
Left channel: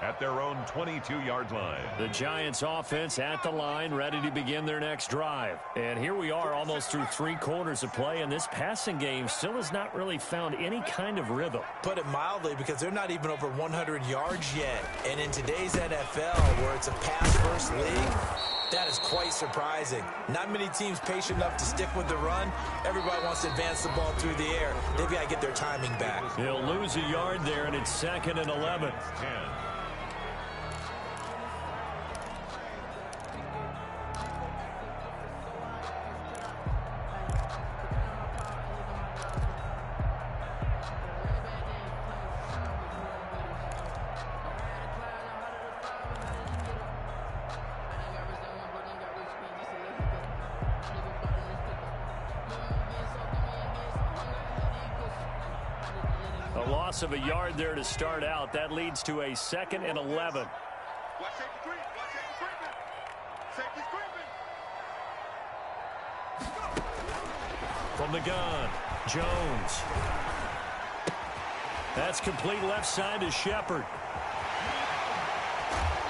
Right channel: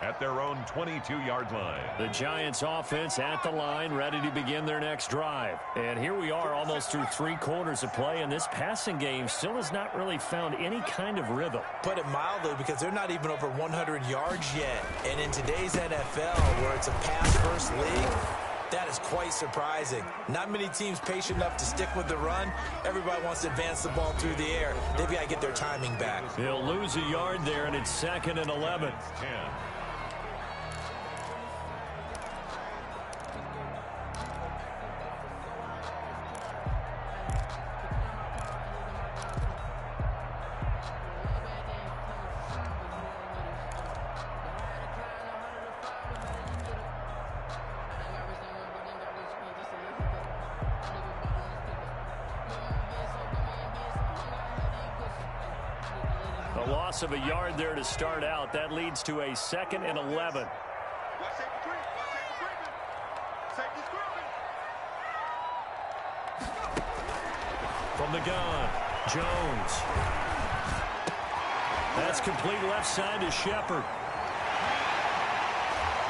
at their own 22-yard line. The Giants offense at the line, ready to begin their next drive. And here we are almost through 3 quarters of play, and this passing game still has not really found any kind of rhythm. Put it mildly, because they're not even over 100 yards yet. And in today's NFL, where it's a pass-first league, that is quite surprising. Not many teams patient enough to stick with the run. Everybody wants to advance the ball through the air. They've got to get their timing back. He'll lose a yard there, and it's 2nd and 11. 10. A loss of a yard there to start out. That leads to a 2nd and 11. Watch safety creep. Watch safety creeping. Safety's creeping. From the gun, Jones. That's complete left side to Shepard.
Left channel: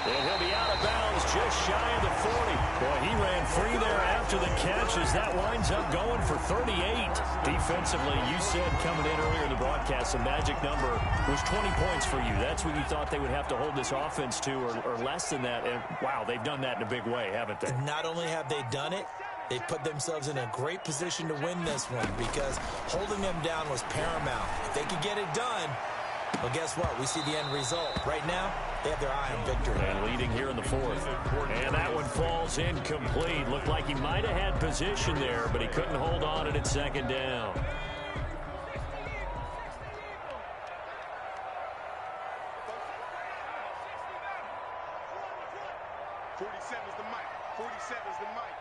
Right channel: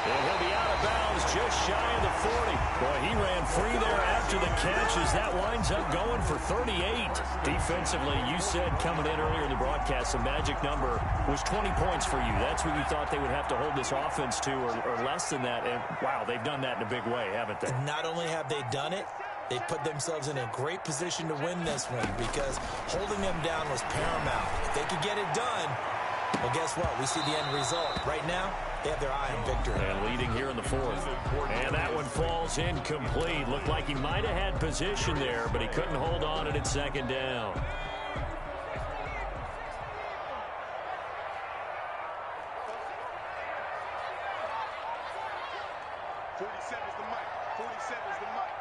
And he'll be out of bounds just shy of the 40. Boy, he ran free there after the catch as that winds up going for 38. Defensively, you said coming in earlier in the broadcast, the magic number was 20 points for you. That's what you thought they would have to hold this offense to, or less than that. And, wow, they've done that in a big way, haven't they? Not only have they done it, they put themselves in a great position to win this one, because holding them down was paramount. If they could get it done, well, guess what? We see the end result. Right now, they have their eye on victory. And leading here in the 4th. And that one falls incomplete. Looked like he might have had position there, but he couldn't hold on it at 2nd down. 47 is the mic. 47 is the mic.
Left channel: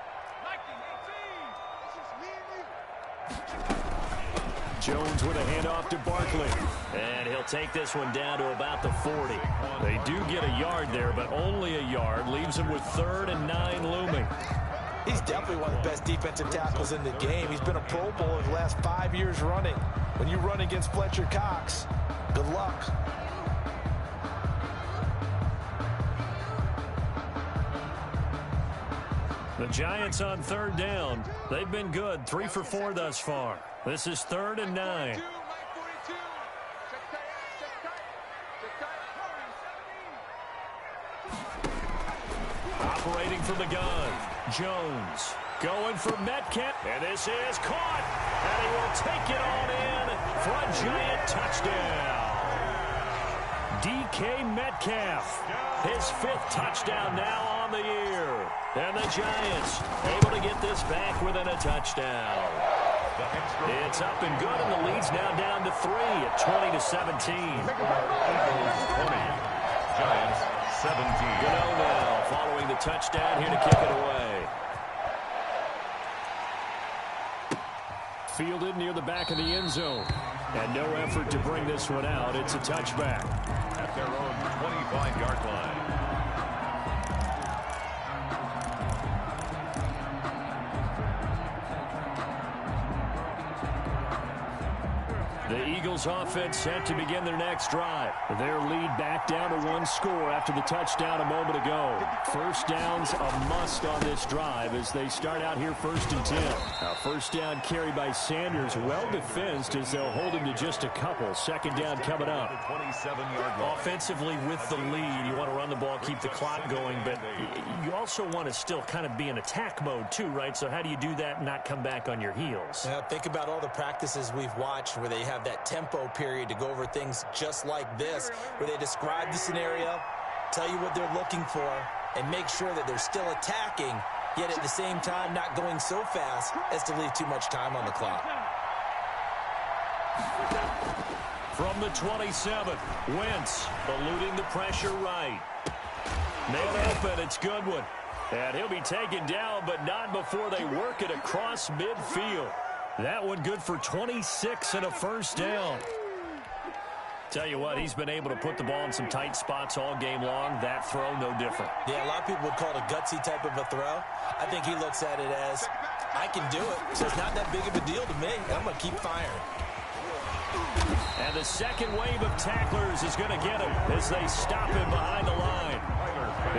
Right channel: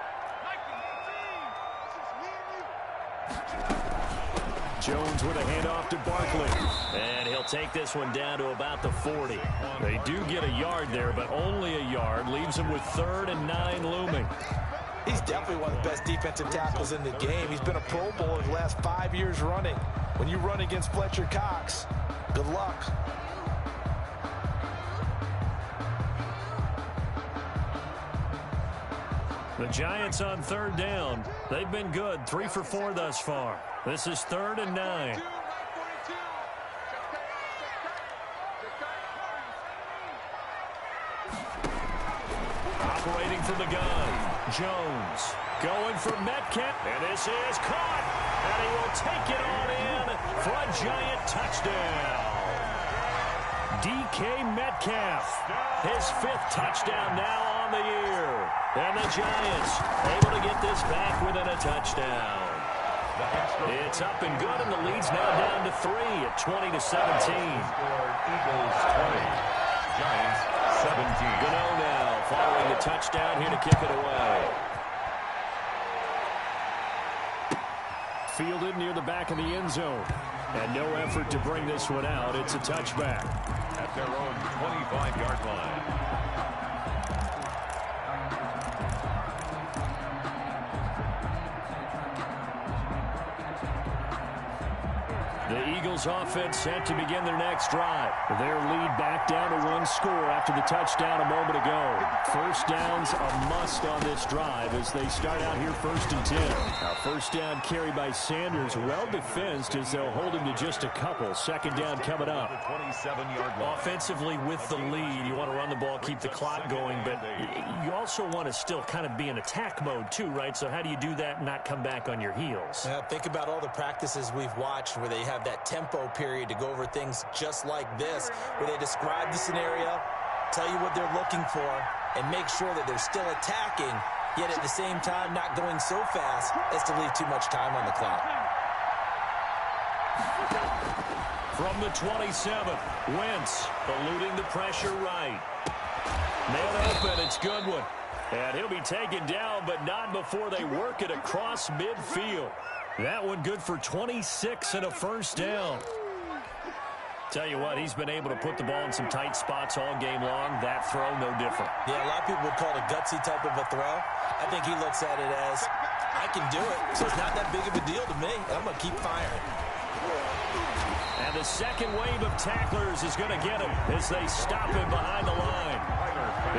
1918. This is me and you. Jones with a handoff to Barkley. And he'll take this one down to about the 40. They do get a yard there, but only a yard. Leaves him with 3rd and 9 looming. He's definitely one of the best defensive tackles in the game. He's been a Pro Bowler the last 5 years running. When you run against Fletcher Cox, good luck. The Giants on 3rd down. They've been good, 3 for 4 thus far. This is 3rd and 9. Operating from the gun, Jones going for Metcalf, and this is caught, and he will take it on in for a Giant touchdown. DK Metcalf, his 5th touchdown now on the year, and the Giants able to get this back within a touchdown. It's up and good, and the lead's now down to 3 at 20-17. Eagles 20, Giants Goodens now following the touchdown here to kick it away. Fielded near the back of the end zone. And no effort to bring this one out. It's a touchback. At their own 25-yard line. The Eagles offense set to begin their next drive. Their lead back down to one score after the touchdown a moment ago. First down's a must on this drive as they start out here 1st and 10. Now first down carry by Sanders, well defensed as they'll hold him to just a couple. Second down coming up. The 27-yard line. Offensively with the lead, you want to run the ball, keep the clock going, but you also want to still kind of be in attack mode too, right? So how do you do that and not come back on your heels? Yeah, think about all the practices we've watched where they have that tempo period to go over things just like this, where they describe the scenario, tell you what they're looking for, and make sure that they're still attacking, yet at the same time not going so fast as to leave too much time on the clock. From the 27, Wentz eluding the pressure right. Man open, it's Goodwin. And he'll be taken down, but not before they work it across midfield. That one good for 26 and a first down. Tell you what, he's been able to put the ball in some tight spots all game long. That throw, no different. Yeah, a lot of people would call it a gutsy type of a throw. I think he looks at it as, I can do it, so it's not that big of a deal to me. I'm going to keep firing. And the second wave of tacklers is going to get him as they stop him behind the line.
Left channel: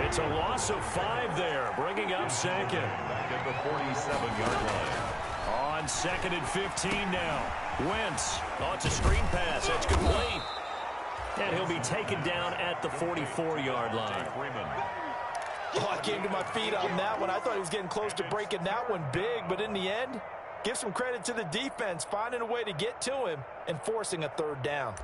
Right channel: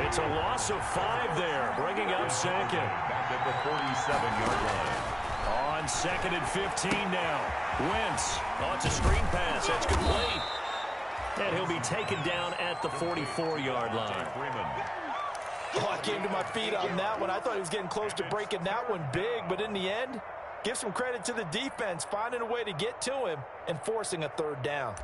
It's a loss of 5 there, bringing up second. Back at the 47-yard line. On 2nd and 15 now. Wentz. Oh, it's a screen pass. That's complete. And he'll be taken down at the 44-yard line. Oh, I came to my feet on that one. I thought he was getting close to breaking that one big, but in the end, give some credit to the defense, finding a way to get to him and forcing a third down.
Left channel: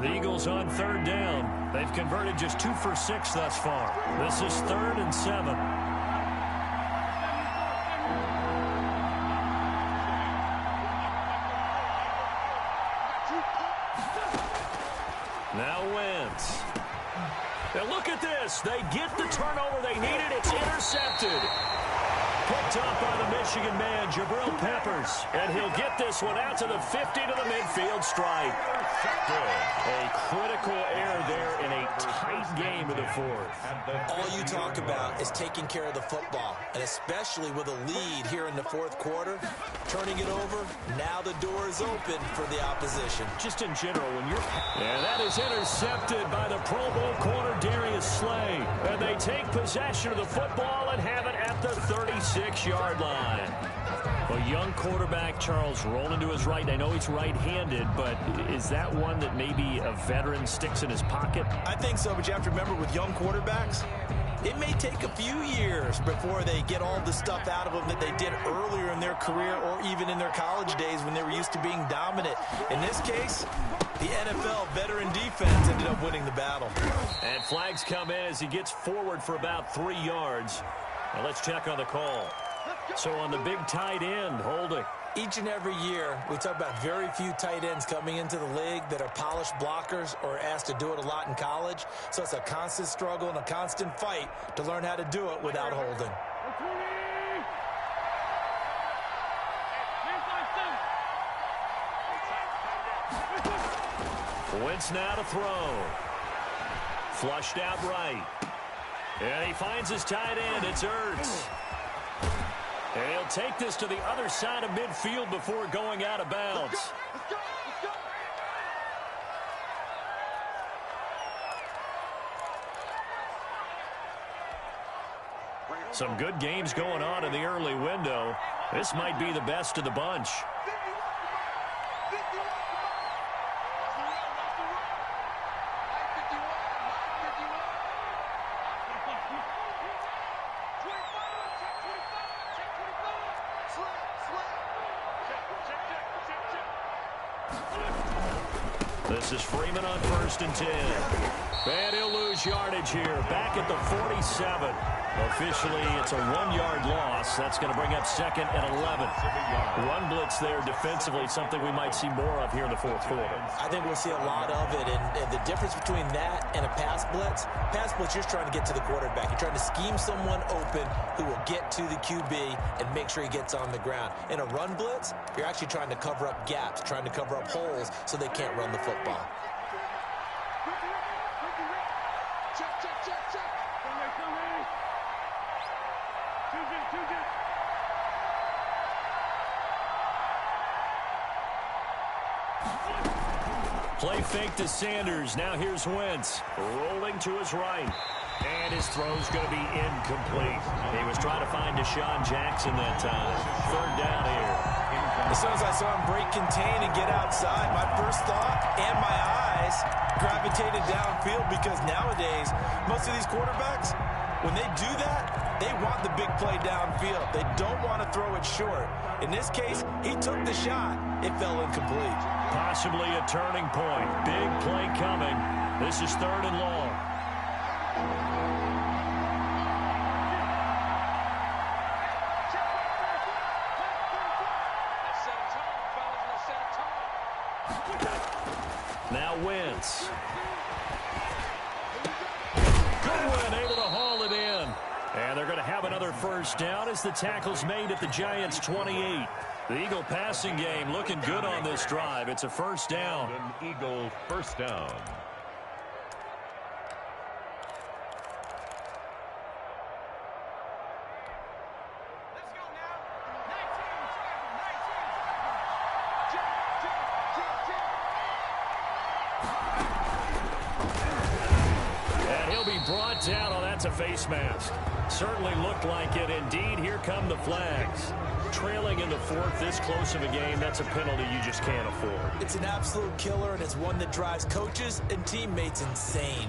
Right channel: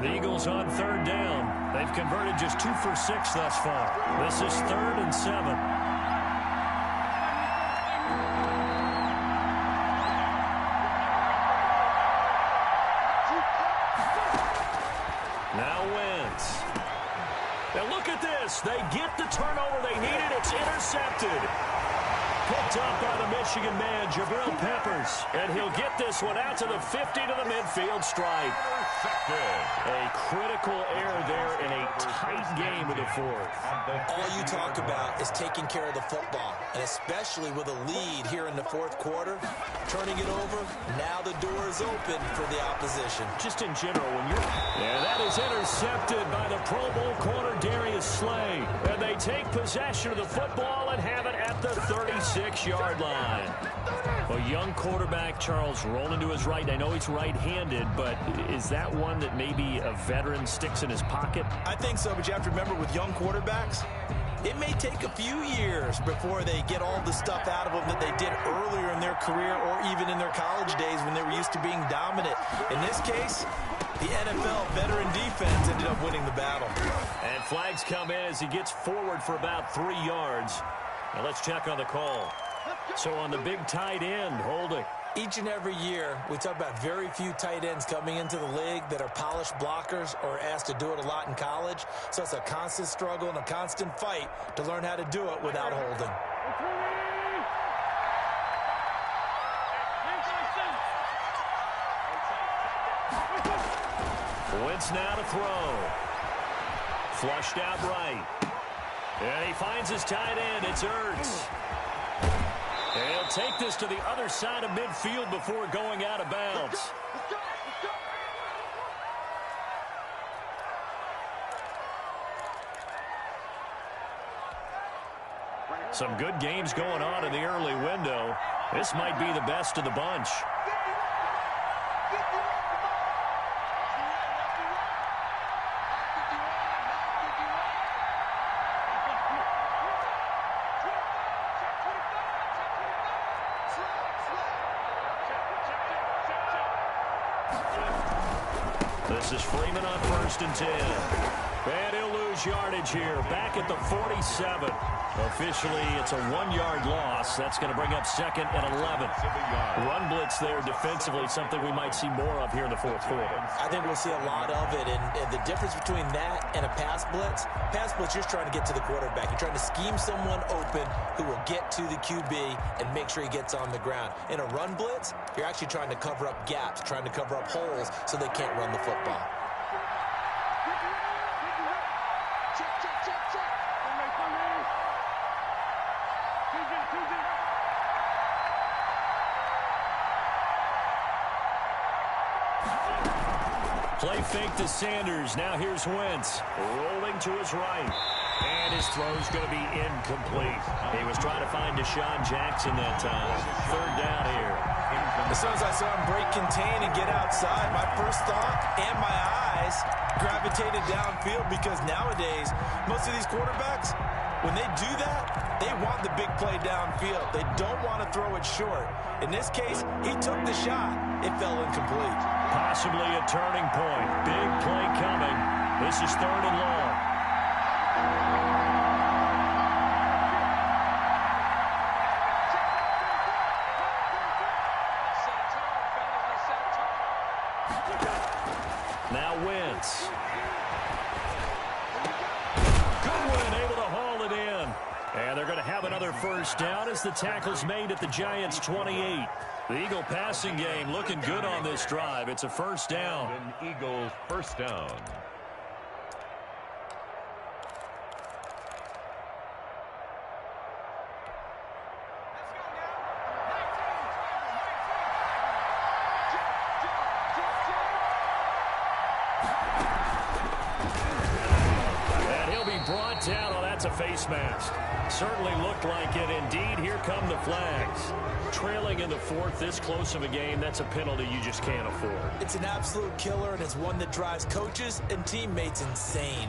The Eagles on 3rd down. They've converted just 2 for 6 thus far. This is 3rd and 7. Now Wentz. Now look at this. They get the turnover they needed. It's intercepted. Picked up by the Michigan man, Jabril Peppers. And he'll get this one out to the 50 to the midfield stripe. A critical error there in a tight game of the 4th. All you talk about is taking care of the football, and especially with a lead here in the 4th quarter, turning it over, now the door is open for the opposition. Just in general, when you're... And that is intercepted by the Pro Bowl corner, Darius Slay. And they take possession of the football and have it at the 36-yard line. A young quarterback, Charles, rolling to his right. I know he's right-handed, but is that one that maybe a veteran sticks in his pocket? I think so, but you have to remember with young quarterbacks, it may take a few years before they get all the stuff out of them that they did earlier in their career or even in their college days when they were used to being dominant. In this case, the NFL veteran defense ended up winning the battle. And flags come in as he gets forward for about 3 yards. Now let's check on the call. So on the big tight end, holding. Each and every year, we talk about very few tight ends coming into the league that are polished blockers or asked to do it a lot in college. So it's a constant struggle and a constant fight to learn how to do it without holding. Wentz now to throw. Flushed out right. And he finds his tight end. It's Ertz. And he'll take this to the other side of midfield before going out of bounds. Some good games going on in the early window. This might be the best of the bunch. This is Freeman on 1st and 10. And he'll lose yardage here. Back at the 47. Officially, it's a 1-yard loss. That's going to bring up 2nd and 11. Run blitz there defensively, something we might see more of here in the 4th quarter. I think we'll see a lot of it. And the difference between that and a pass blitz, you're trying to get to the quarterback. You're trying to scheme someone open who will get to the QB and make sure he gets on the ground. In a run blitz, you're actually trying to cover up gaps, trying to cover up holes so they can't run the football. Play fake to Sanders. Now here's Wentz. Rolling to his right. And his throw's going to be incomplete. He was trying to find Deshaun Jackson that time. 3rd down here. As soon as I saw him break contain and get outside, my first thought and my eyes gravitated downfield, because nowadays, most of these quarterbacks, when they do that, they want the big play downfield. They don't want to throw it short. In this case, he took the shot. It fell incomplete. Possibly a turning point. Big play coming. This is 3rd and long. Now Wentz. Goodwin able to haul it in. And they're going to have another 1st down as the tackle's made at the Giants' 28. The Eagle passing game looking good on this drive. It's a 1st down. An Eagle 1st down. Let's go now. 19, travel, 19, And he'll be brought down. Oh, that's a face mask. Certainly looked like it. Indeed, here come the flags. Trailing in the 4th, this close of a game, that's a penalty you just can't afford. It's an absolute killer, and it's one that drives coaches and teammates insane.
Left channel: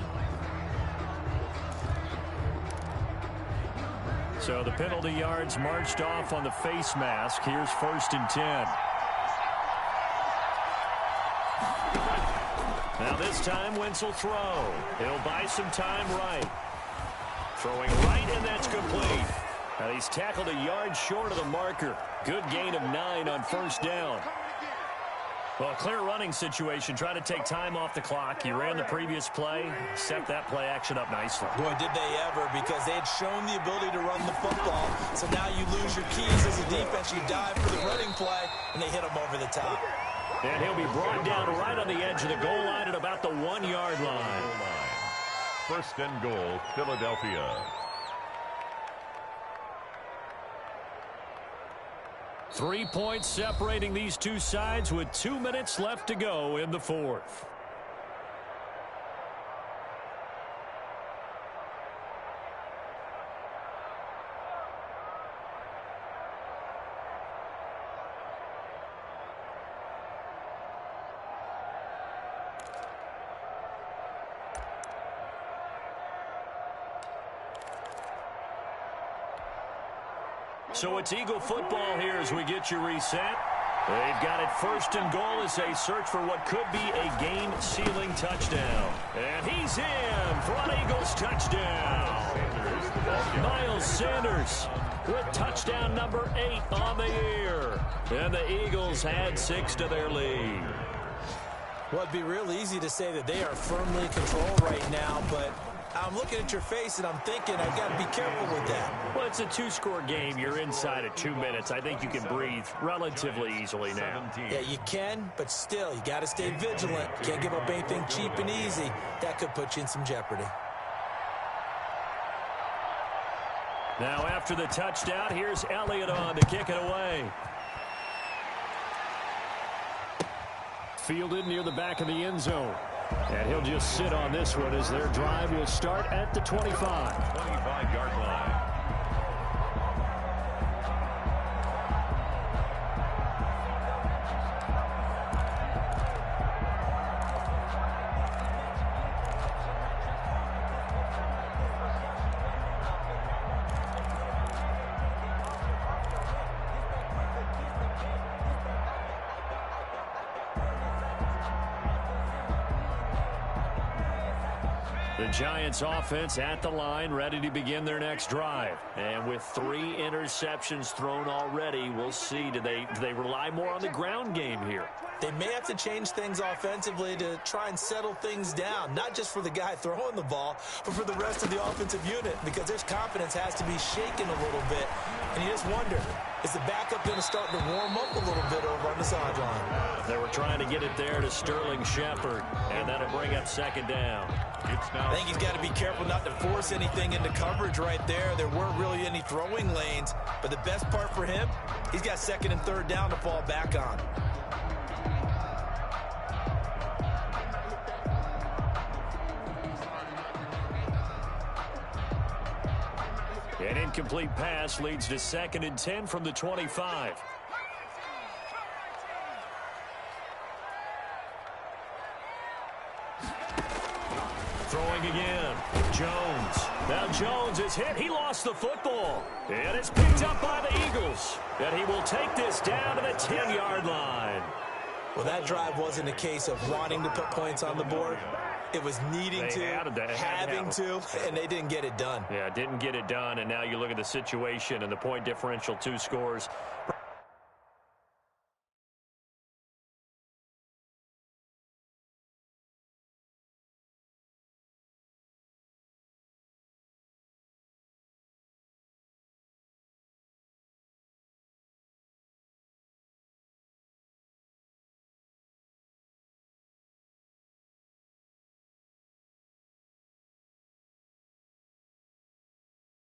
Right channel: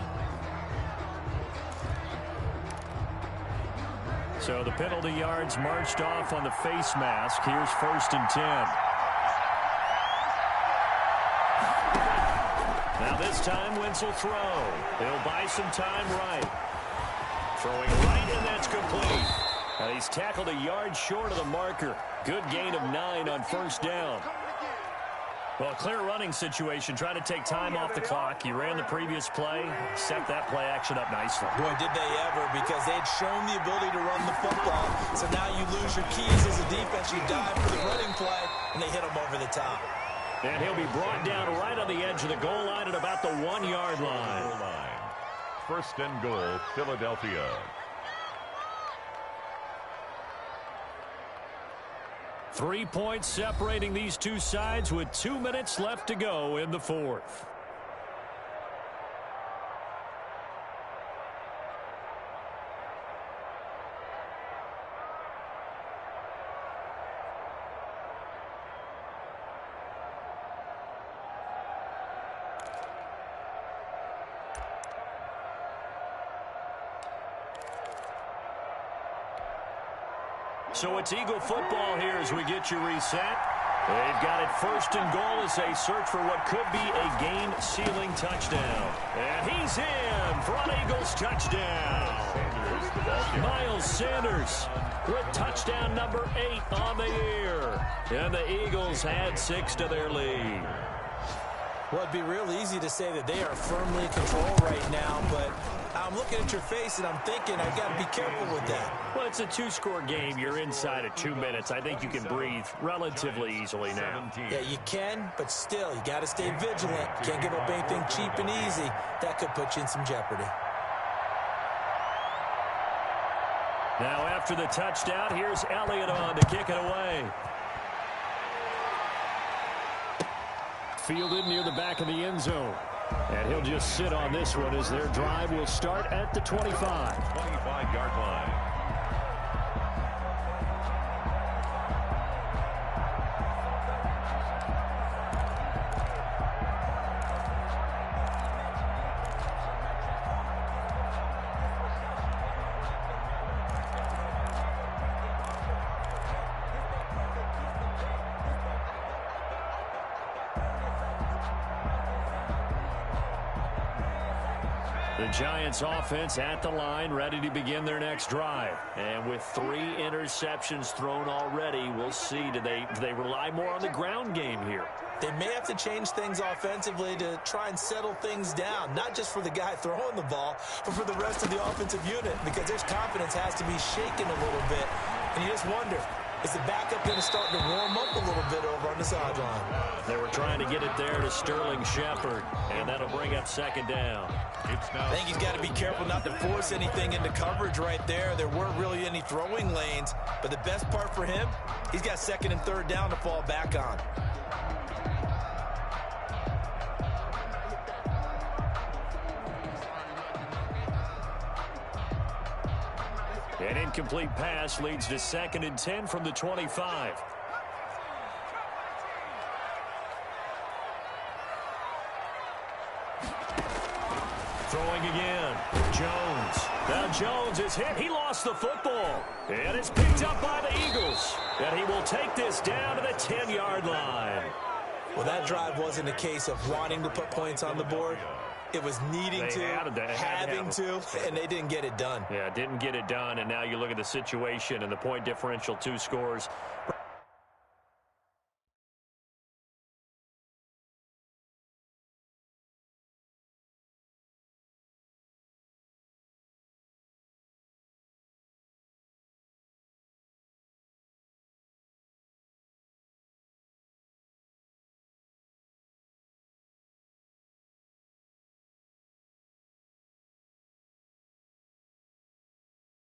So the penalty yards marched off on the face mask. Here's 1st and 10. Now this time, Wentz will throw. He'll buy some time right. Throwing right, and that's complete. And he's tackled a yard short of the marker. Good gain of 9 on 1st down. Well, clear running situation. Try to take time off the clock. You ran the previous play. Set that play action up nicely. Boy, did they ever, because they had shown the ability to run the football. So now you lose your keys as a defense. You dive for the running play, and they hit them over the top. And he'll be brought down right on the edge of the goal line at about the 1-yard line. 1st and goal, Philadelphia. Three points separating these two sides with 2 minutes left to go in the 4th. So it's Eagle football here as we get you reset. They've got it 1st and goal as they search for what could be a game-sealing touchdown. And he's in for an Eagles touchdown. Miles Sanders with touchdown number 8 on the year. And the Eagles add 6 to their lead. Well, it'd be real easy to say that they are firmly in control right now, but I'm looking at your face and I'm thinking I've got to be careful with that. Well, it's a 2-score game. You're inside of 2 minutes. I think you can breathe relatively easily now. Yeah, you can, but still, you got to stay vigilant. Can't give up anything cheap and easy. That could put you in some jeopardy. Now after the touchdown, here's Elliott on to kick it away. Fielded near the back of the end zone. And he'll just sit on this one as their drive will start at the 25. 25-yard line. The Giants offense at the line, ready to begin their next drive. And with 3 interceptions thrown already, we'll see. Do they rely more on the ground game here? They may have to change things offensively to try and settle things down, not just for the guy throwing the ball, but for the rest of the offensive unit, because their confidence has to be shaken a little bit. And you just wonder, is the backup going to start to warm up a little bit over on the sideline? They were trying to get it there to Sterling Shepard, and that'll bring up second down. I think he's got to be careful not to force anything into coverage right there. There weren't really any throwing lanes, but the best part for him, he's got second and third down to fall back on. An incomplete pass leads to second and 10 from the 25. Throwing again. Jones. Now Jones is hit. He lost the football. And it's picked up by the Eagles. And he will take this down to the 10-yard line. Well, that drive wasn't a case of wanting to put points on the board. It was needing having to, and they didn't get it done. Yeah, didn't get it done, and now you look at the situation and the point differential, 2 scores.